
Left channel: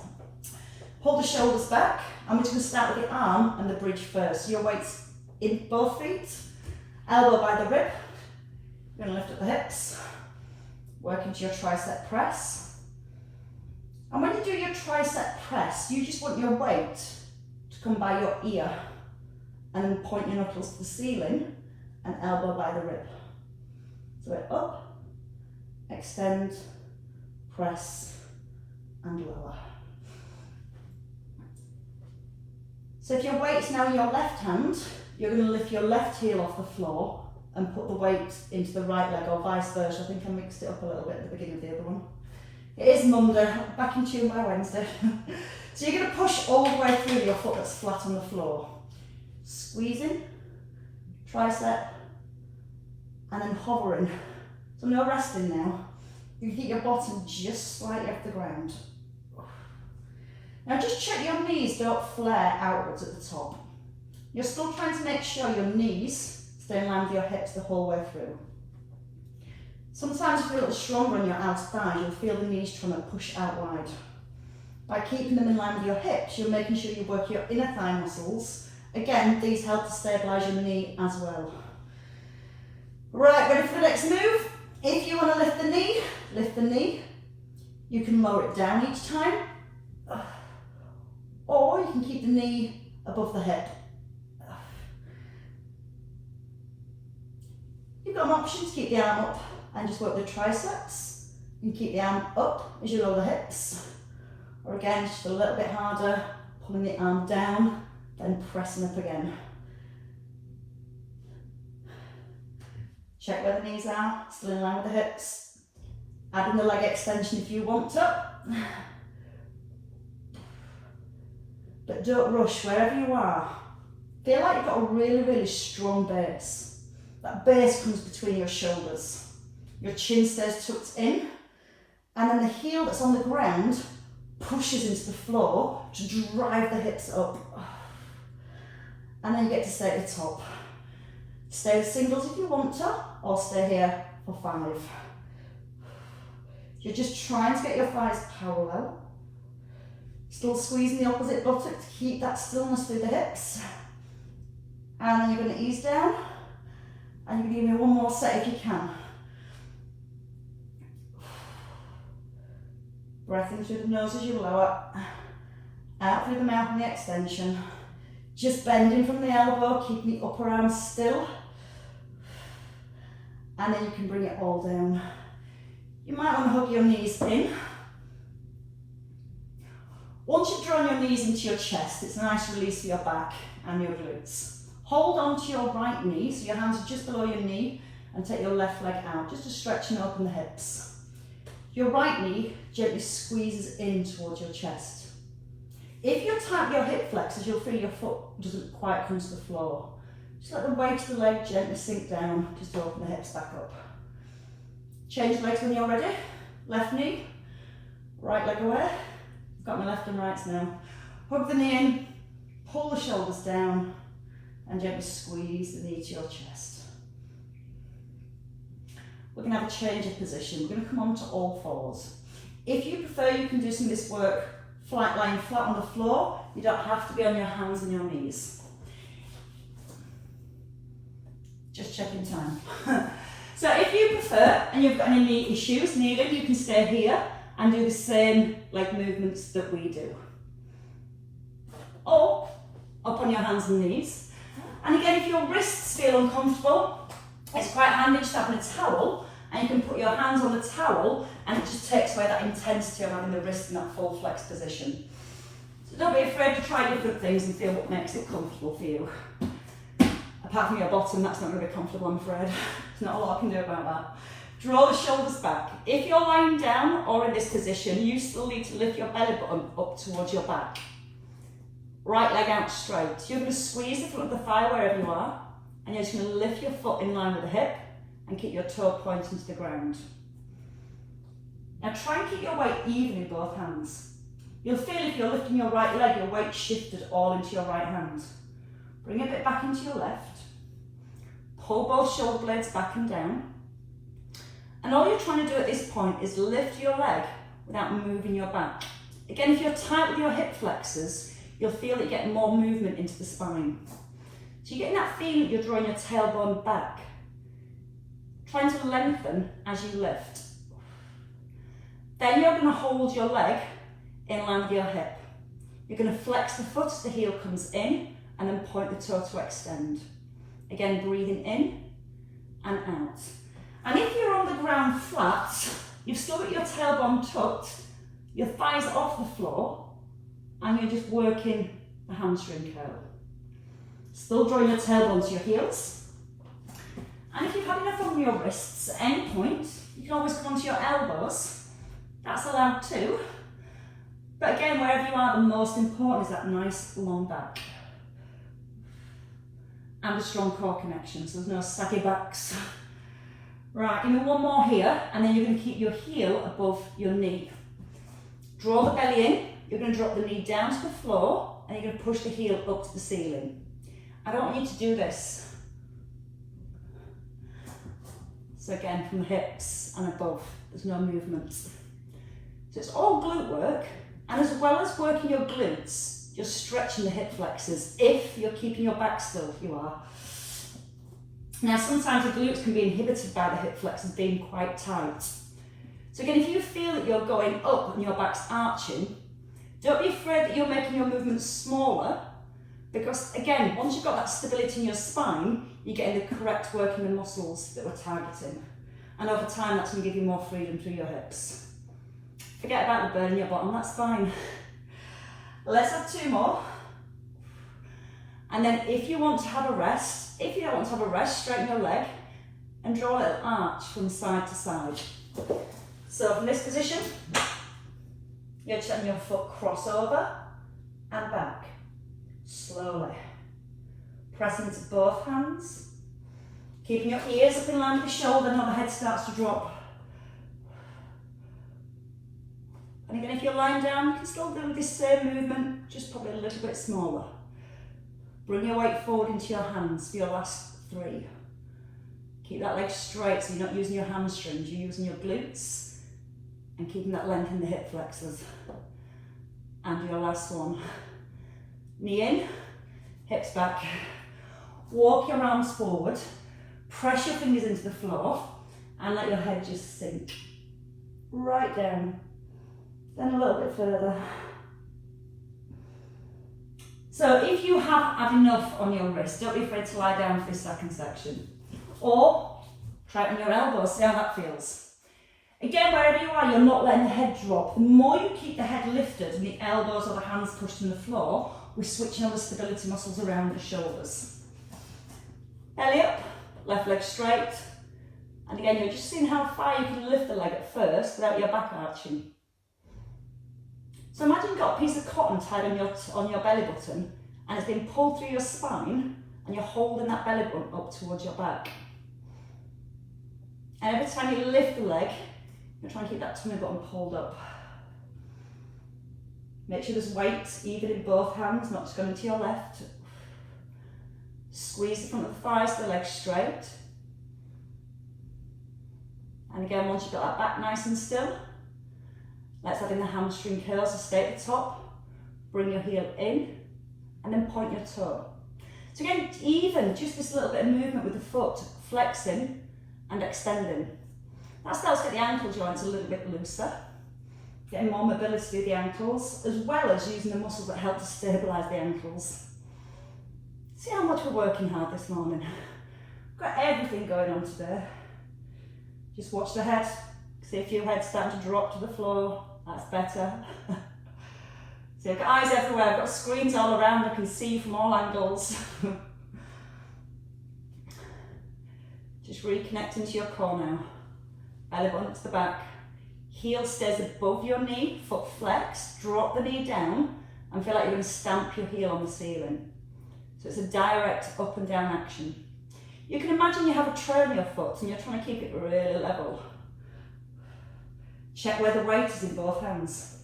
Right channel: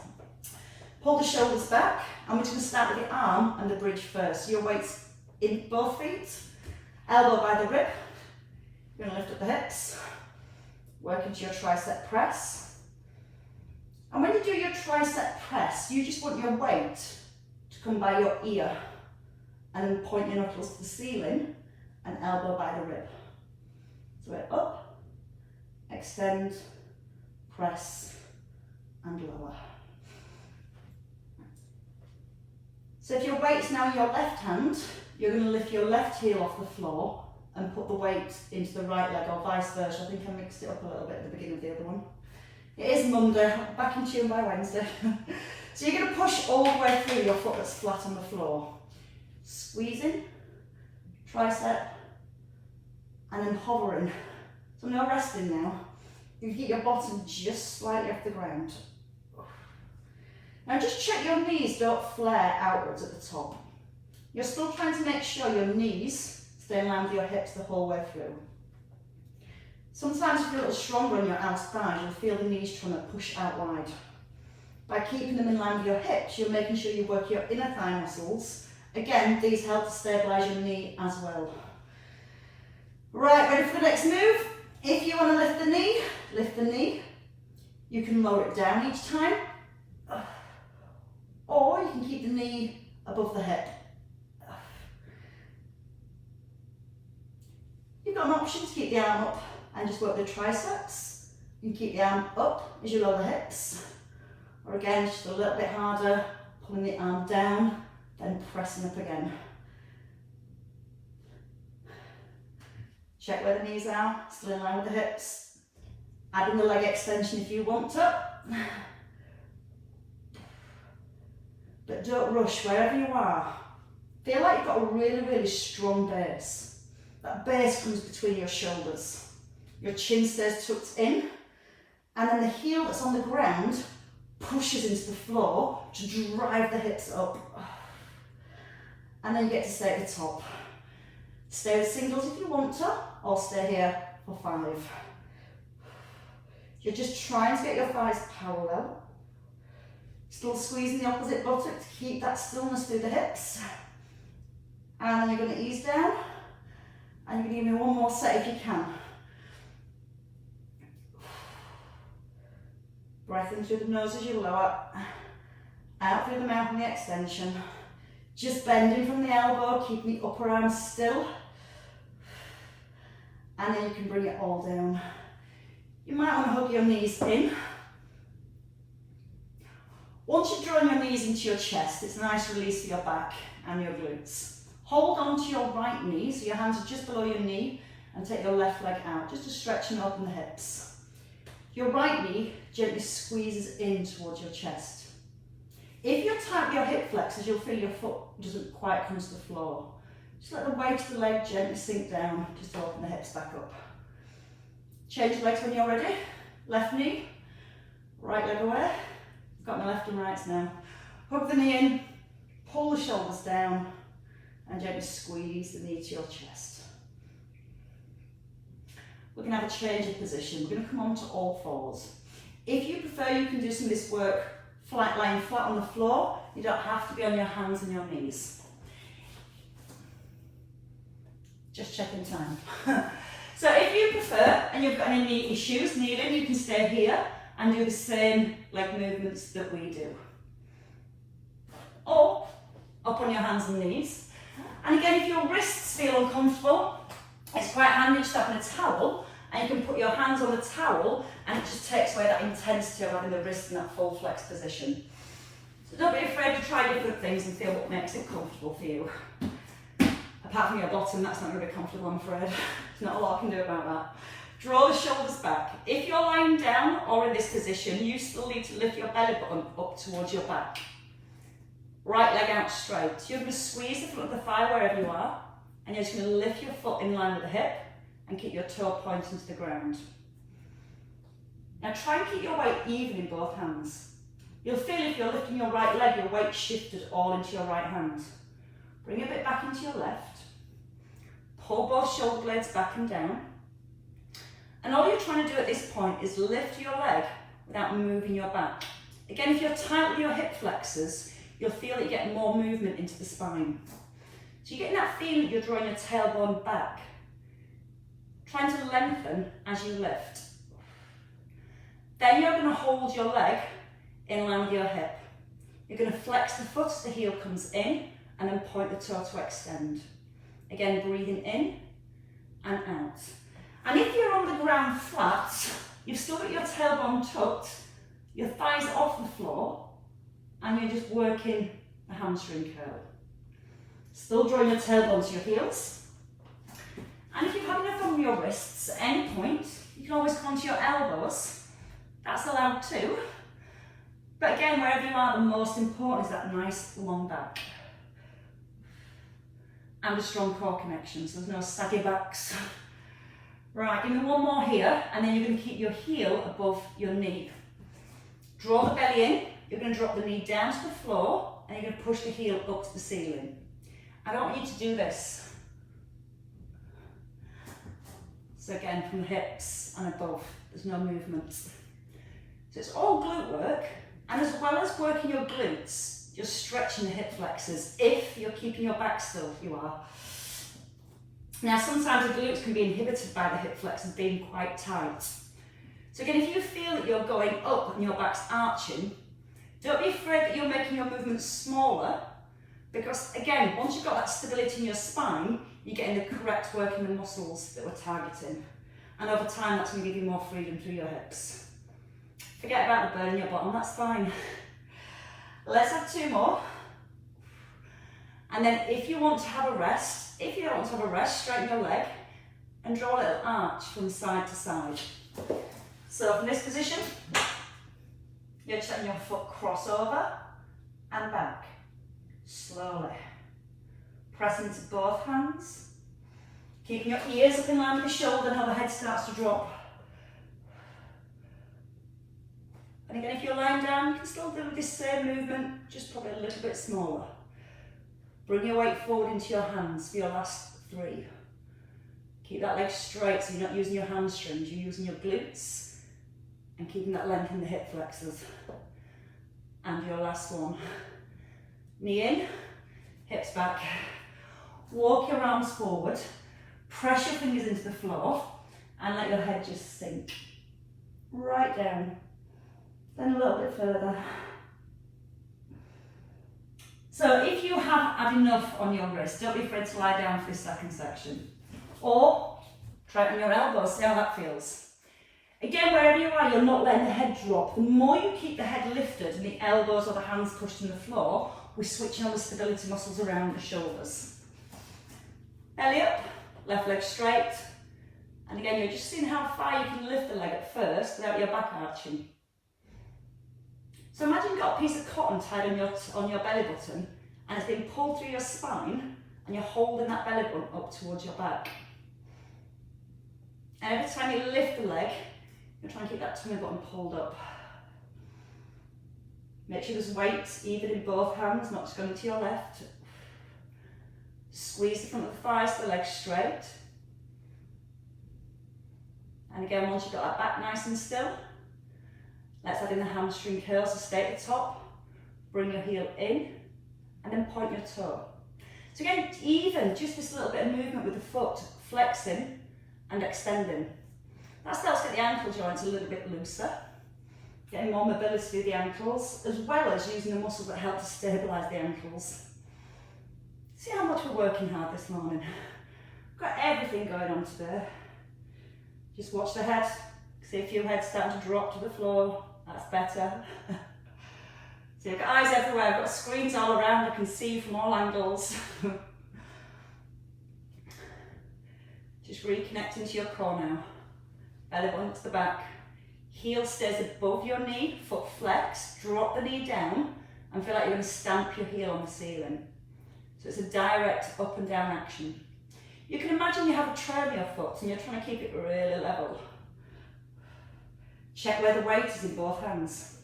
Pull the shoulders back, and we're just going to start with the arm and the bridge first. So your weight's in both feet, elbow by the rib. You're going to lift up the hips, work into your tricep press. And when you do your tricep press, you just want your weight to come by your ear and then point your knuckles to the ceiling and elbow by the rib. So we're up, extend, press, and lower. So if your weight's now in your left hand, you're going to lift your left heel off the floor and put the weight into the right leg, or vice versa. I think I mixed it up a little bit at the beginning of the other one. It is Monday, back in tune by Wednesday. So you're going to push all the way through your foot that's flat on the floor. Squeezing, tricep, and then hovering. So when you're resting now, you keep your bottom just slightly off the ground. Now just check your knees don't flare outwards at the top. You're still trying to make sure your knees stay in line with your hips the whole way through. Sometimes if you're a little stronger on your outer thighs, you'll feel the knees trying to push out wide. By keeping them in line with your hips, you're making sure you work your inner thigh muscles. Again, these help to stabilise your knee as well. Right, ready for the next move? If you want to lift the knee. You can lower it down each time. Or you can keep the knee above the hip. You've got an option to keep the arm up and just work the triceps. You can keep the arm up as you lower the hips. Or again, it's just a little bit harder, pulling the arm down, then pressing up again. Check where the knees are, still in line with the hips. Adding the leg extension if you want to. But don't rush wherever you are. Feel like you've got a really, really strong base. That base comes between your shoulders. Your chin stays tucked in, and then the heel that's on the ground pushes into the floor to drive the hips up. And then you get to stay at the top. Stay with singles if you want to, or stay here for 5. You're just trying to get your thighs parallel. Still squeezing the opposite buttock to keep that stillness through the hips. And then you're going to ease down. And you're going to give me one more set if you can. Breath in through the nose as you lower. Out through the mouth in the extension. Just bending from the elbow, keeping the upper arm still. And then you can bring it all down. You might want to hug your knees in. Once you've drawn your knees into your chest, it's a nice release for your back and your glutes. Hold on to your right knee, so your hands are just below your knee, and take your left leg out, just to stretch and open the hips. Your right knee gently squeezes in towards your chest. If you tighten your hip flexors, you'll feel your foot doesn't quite come to the floor. Just let the weight of the leg gently sink down, just to open the hips back up. Change legs when you're ready. Left knee, right leg away. I've got my left and rights now. Hug the knee in, pull the shoulders down, and gently squeeze the knee to your chest. We're going to have a change of position. We're going to come on to all fours. If you prefer, you can do some of this work lying flat on the floor. You don't have to be on your hands and your knees. Just checking time. So if you prefer, and you've got any knee issues, kneeling, you can stay here and do the same leg movements that we do. Or up on your hands and knees. And again, if your wrists feel uncomfortable, it's quite handy just having a towel, and you can put your hands on the towel, and it just takes away that intensity of having the wrist in that full flex position. So don't be afraid to try different things and feel what makes it comfortable for you. Apart from your bottom, that's not going to be comfortable, I'm afraid. There's not a lot I can do about that. Draw the shoulders back. If you're lying down or in this position, you still need to lift your belly button up towards your back. Right leg out straight. You're going to squeeze the front of the thigh wherever you are, and you're just going to lift your foot in line with the hip and keep your toe pointing to the ground. Now try and keep your weight even in both hands. You'll feel if you're lifting your right leg, your weight shifted all into your right hand. Bring a bit back into your left. Pull both shoulder blades back and down. And all you're trying to do at this point is lift your leg without moving your back. Again, if you're tight with your hip flexors, you'll feel that you get more movement into the spine. So you're getting that feeling that you're drawing your tailbone back. Trying to lengthen as you lift. Then you're going to hold your leg in line with your hip. You're going to flex the foot as the heel comes in and then point the toe to extend. Again, breathing in and out. And if you're on the ground flat, you've still got your tailbone tucked, your thighs off the floor, and you're just working the hamstring curl. Still drawing your tailbone to your heels. And if you're having a thumb on your wrists at any point, you can always come onto your elbows. That's allowed too. But again, wherever you are, the most important is that nice long back. And a strong core connection, so there's no saggy backs. Right, give me one more here, and then you're going to keep your heel above your knee. Draw the belly in, you're going to drop the knee down to the floor, and you're going to push the heel up to the ceiling. I don't want you to do this. So again, from the hips and above, there's no movement. So it's all glute work, and as well as working your glutes, you're stretching the hip flexors. If you're keeping your back still, you are. Now, sometimes the glutes can be inhibited by the hip flexors being quite tight. So again, if you feel that you're going up and your back's arching, don't be afraid that you're making your movements smaller, because again, once you've got that stability in your spine, you're getting the correct work in the muscles that we're targeting. And over time, that's going to give you more freedom through your hips. Forget about the burn in your bottom, that's fine. Let's have two more. And then if you want to have a rest, if you don't want to have a rest, straighten your leg and draw a little arch from side to side. So from this position, you're just letting your foot cross over and back, slowly. Pressing into both hands, keeping your ears up in line with the shoulder and how the head starts to drop. And again, if you're lying down, you can still do this same movement, just probably a little bit smaller. Bring your weight forward into your hands for your last three. Keep that leg straight so you're not using your hamstrings, you're using your glutes and keeping that length in the hip flexors. And your last one. Knee in, hips back. Walk your arms forward, press your fingers into the floor and let your head just sink right down. Then a little bit further. So if you have had enough on your wrist, don't be afraid to lie down for this second section. Or try it on your elbows, see how that feels. Again, wherever you are, you're not letting the head drop. The more you keep the head lifted and the elbows or the hands pushed in the floor, we're switching all the stability muscles around the shoulders. Belly up, left leg straight. And again, you're just seeing how far you can lift the leg at first without your back arching. So imagine you've got a piece of cotton tied on your belly button and it's been pulled through your spine and you're holding that belly button up towards your back. And every time you lift the leg, you're trying to keep that tummy button pulled up. Make sure there's weight even in both hands, not just going to your left. Squeeze the front of the thighs, the legs straight. And again, once you've got that back nice and still, let's add in the hamstring curls to stay at the top. Bring your heel in and then point your toe. So again, even just this little bit of movement with the foot, flexing and extending. That starts to get the ankle joints a little bit looser, getting more mobility through the ankles, as well as using the muscles that help to stabilise the ankles. See how much we're working hard this morning. We've got everything going on today. Just watch the head. See a few heads starting to drop to the floor. That's better. See, I've got eyes everywhere. I've got screens all around. I can see you from all angles. Just reconnecting to your core now. Belly button to the back. Heel stays above your knee, foot flex. Drop the knee down and feel like you're going to stamp your heel on the ceiling. So it's a direct up and down action. You can imagine you have a tray on your foot and you're trying to keep it really level. Check where the weight is in both hands.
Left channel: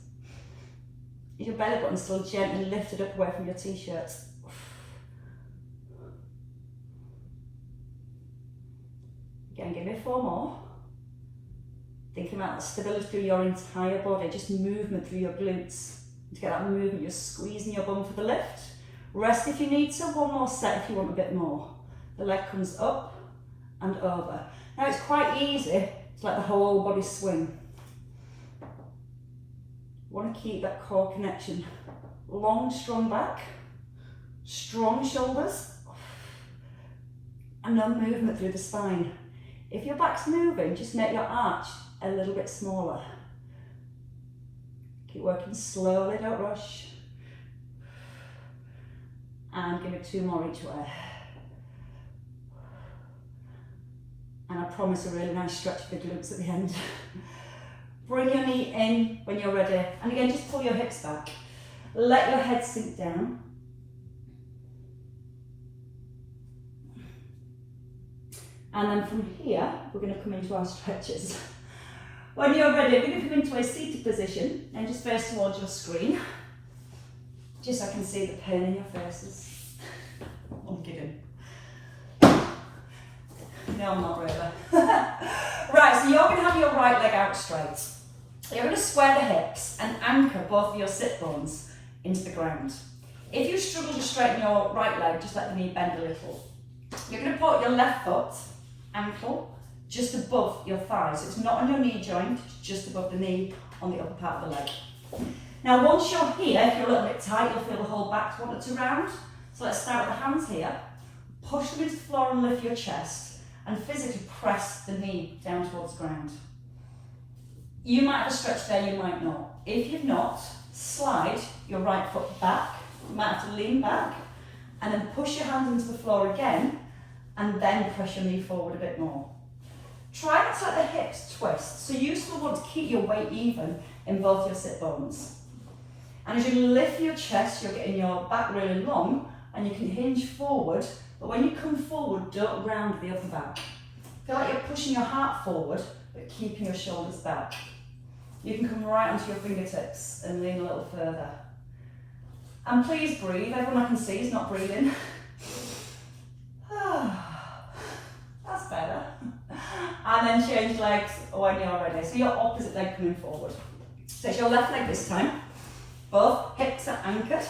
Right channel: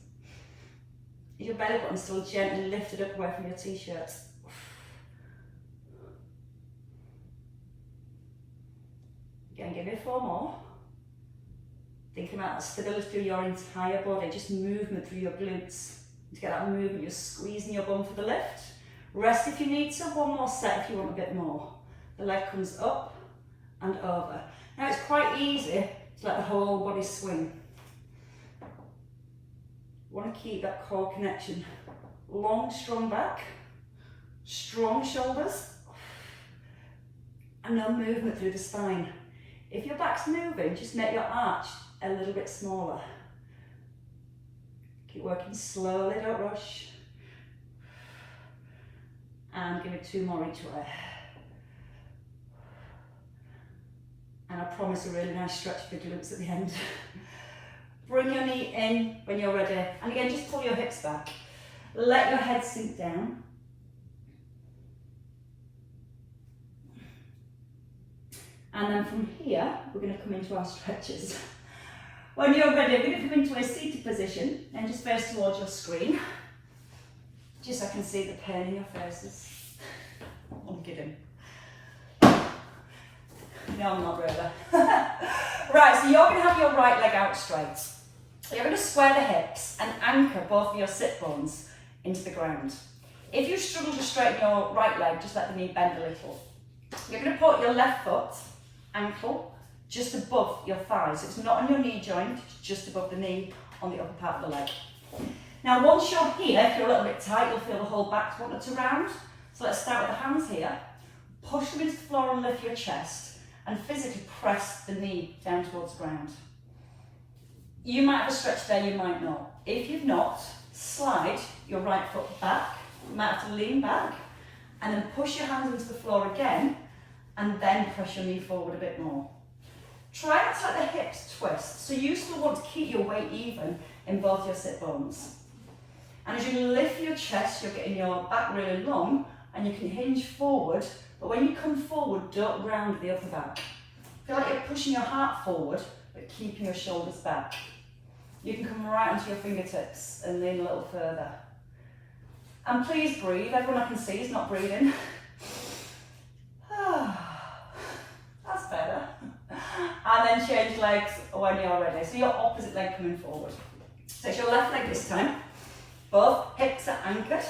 Is your belly button still gently lifted up away from your t-shirt? Again, give me 4 more. Thinking about the stability through your entire body, just movement through your glutes. To get that movement, you're squeezing your bum for the lift. Rest if you need to, 1 more set if you want a bit more. The leg comes up and over. Now it's quite easy to let the whole body swing. You want to keep that core connection. Long, strong back, strong shoulders, and no movement through the spine. If your back's moving, just make your arch a little bit smaller. Keep working slowly, don't rush. And give it 2 more each way. And I promise a really nice stretch for the glutes at the end. Bring your knee in when you're ready. And again, just pull your hips back. Let your head sink down. And then from here, we're going to come into our stretches. When you're ready, we're going to come into a seated position and just face towards your screen. Just so I can see the pain in your faces. I'm kidding. No, I'm not really. Right, so you're going to have your right leg out straight. You're going to square the hips and anchor both of your sit bones into the ground. If you struggle to straighten your right leg, just let the knee bend a little. You're going to put your left foot, ankle, just above your thigh. So it's not on your knee joint, it's just above the knee on the upper part of the leg. Now once you're here, if you're a little bit tight, you'll feel the whole back want to round. So let's start with the hands here. Push them into the floor and lift your chest, and physically press the knee down towards the ground. You might have a stretch there, you might not. If you've not, slide your right foot back. You might have to lean back, and then push your hands into the floor again, and then press your knee forward a bit more. Try not to let the hips twist, so you still want to keep your weight even in both your sit bones. And as you lift your chest, you're getting your back really long, and you can hinge forward, but when you come forward, don't round the upper back. Feel like you're pushing your heart forward, but keeping your shoulders back. You can come right onto your fingertips and lean a little further. And please breathe. Everyone I can see is not breathing. That's better. And then change legs when you're ready. So your opposite leg coming forward. So it's your left leg this time. Both hips are anchored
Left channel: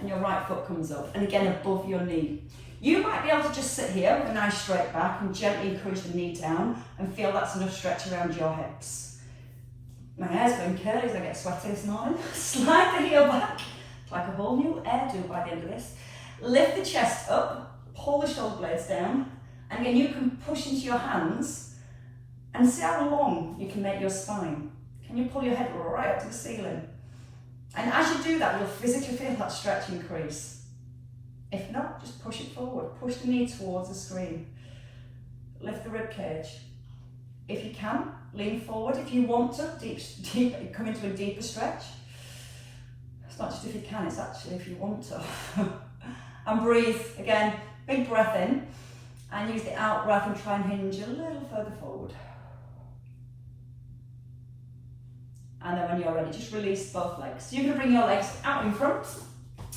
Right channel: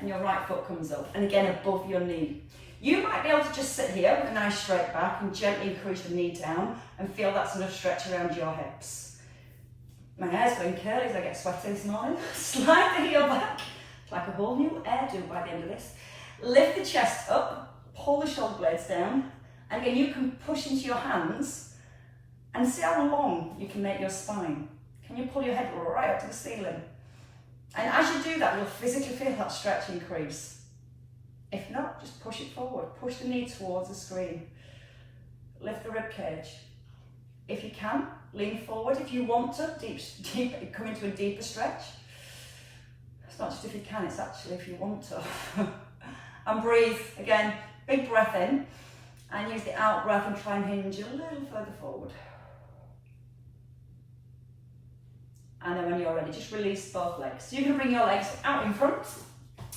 and your right foot comes up, and again above your knee. You might be able to just sit here with a nice straight back and gently encourage the knee down and feel that's enough stretch around your hips. My hair's going curly as I get sweaty this morning. Slide the heel back, like a whole new hairdo by the end of this. Lift the chest up, pull the shoulder blades down, and again you can push into your hands and see how long you can make your spine. Can you pull your head right up to the ceiling? And as you do that, you'll physically feel that stretch increase. If not, just push it forward. Push the knee towards the screen. Lift the rib cage. If you can, lean forward. If you want to, deep, come into a deeper stretch. It's not just if you can, it's actually if you want to. And breathe. Again, big breath in. And use the out breath and try and hinge a little further forward. And then when you're ready, just release both legs. So you can bring your legs out in front.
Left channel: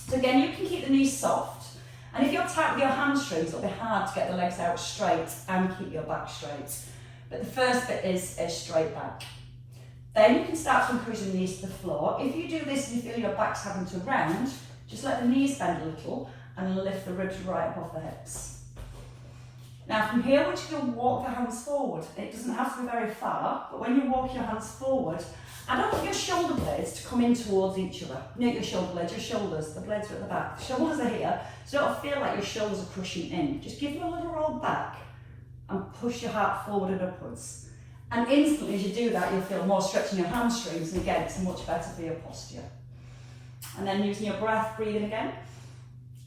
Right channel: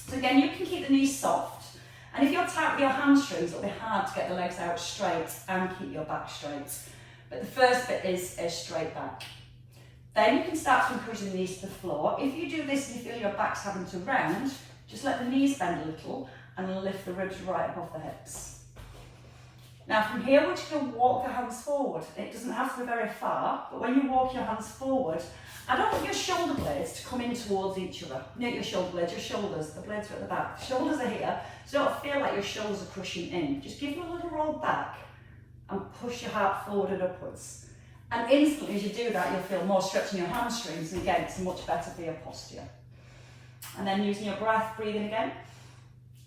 So again, you can keep the knees soft. And if you're tight with your hamstrings, it'll be hard to get the legs out straight and keep your back straight. But the first bit is a straight back. Then you can start to encourage the knees to the floor. If you do this and you feel your back's having to round, just let the knees bend a little and lift the ribs right up off the hips. Now from here, we're just going to walk the hands forward. It doesn't have to be very far, but when you walk your hands forward, I don't want your shoulder blades to come in towards each other. Not your shoulder blades, your shoulders. The blades are at the back. The shoulders are here, so don't feel like your shoulders are crushing in. Just give them a little roll back and push your heart forward and upwards. And instantly as you do that, you'll feel more stretch in your hamstrings, and again, it's much better for your posture. And then using your breath, breathing again.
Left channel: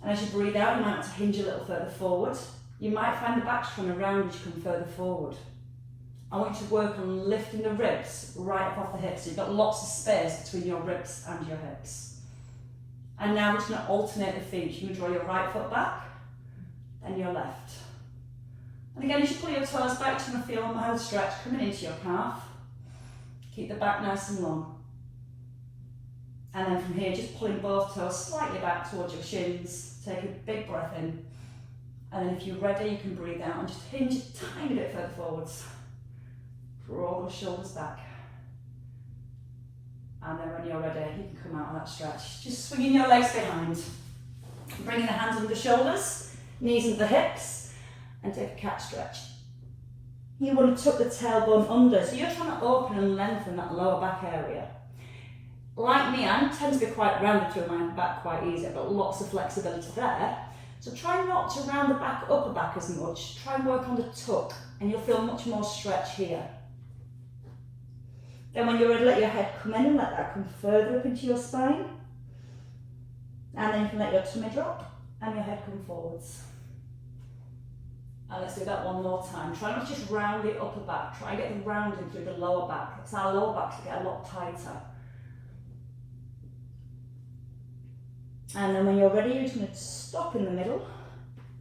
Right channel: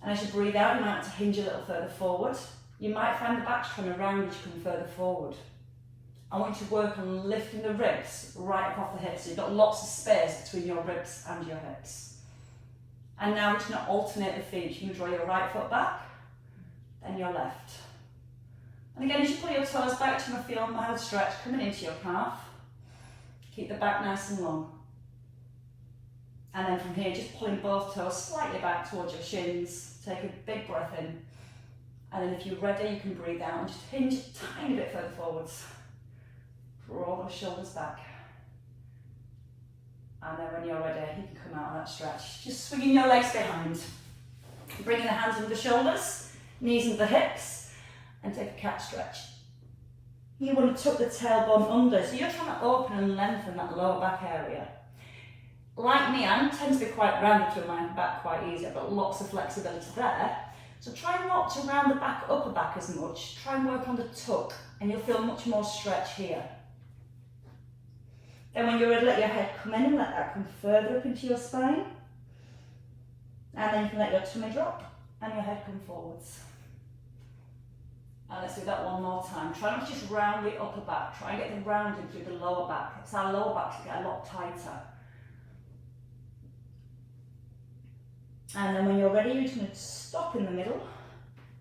And as you breathe out, you might have to hinge a little further forward. You might find the back's trying to round as you come further forward. I want you to work on lifting the ribs right up off the hips, so you've got lots of space between your ribs and your hips. And now we're just going to alternate the feet. You're going to draw your right foot back, then your left. And again, as you pull your toes back, you're going to feel a mild stretch coming into your calf. Keep the back nice and long. And then from here, just pulling both toes slightly back towards your shins. Take a big breath in. And then if you're ready, you can breathe out and just hinge a tiny bit further forwards. Draw those shoulders back. And then when you're ready, you can come out on that stretch. Just swinging your legs behind. Bringing the hands under the shoulders, knees into the hips, and take a cat stretch. You want to tuck the tailbone under, so you're trying to open and lengthen that lower back area. Like me, I tend to be quite rounded to my back quite easy. I've got lots of flexibility there. So try not to round the back, upper back as much. Try and work on the tuck, and you'll feel much more stretch here. Then when you're ready, let your head come in and let that come further up into your spine. And then you can let your tummy drop and your head come forwards. And let's do that one more time. Try not to just round the upper back. Try and get the rounding through the lower back. It's our lower backs that get a lot tighter. And then when you're ready, you're just going to stop in the middle.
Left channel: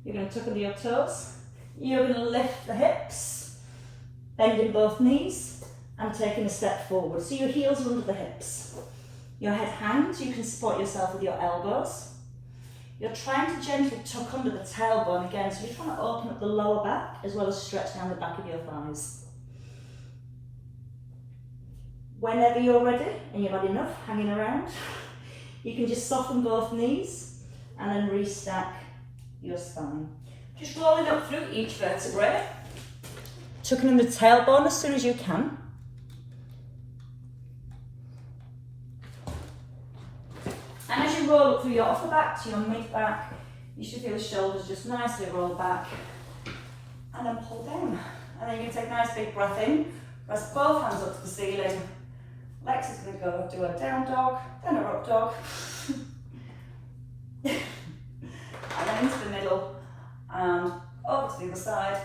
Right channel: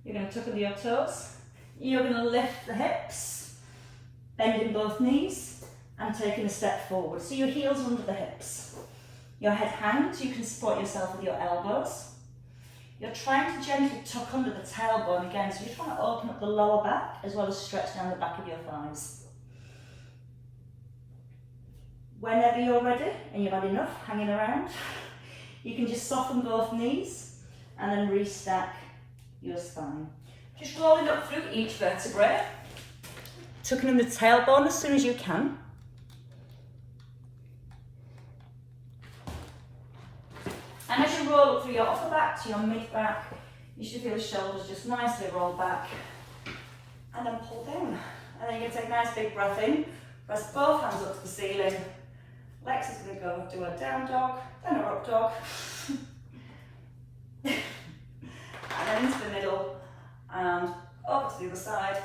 You're going to tuck under your toes. You're going to lift the hips, bending both knees, and taking a step forward. So your heels are under the hips. Your head hangs, you can support yourself with your elbows. You're trying to gently tuck under the tailbone again, so you're trying to open up the lower back as well as stretch down the back of your thighs. Whenever you're ready and you've had enough hanging around, you can just soften both knees and then restack your spine. Just rolling up through each vertebrae, tucking in the tailbone as soon as you can. And as you roll up through your upper back to your mid back, you should feel the shoulders just nicely roll back and then pull down. And then you're going to take a nice big breath in, press both hands up to the ceiling. Lex is going to go do a down dog, then a up dog. And then into the middle and over to the other side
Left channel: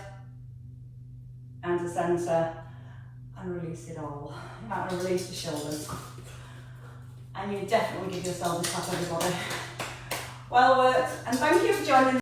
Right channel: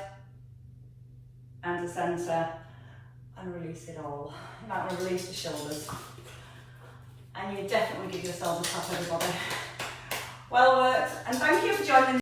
and the centre, and release it all. You might want to release the shoulders. And you definitely give yourself a tap, everybody. Well worked, and thank you for joining.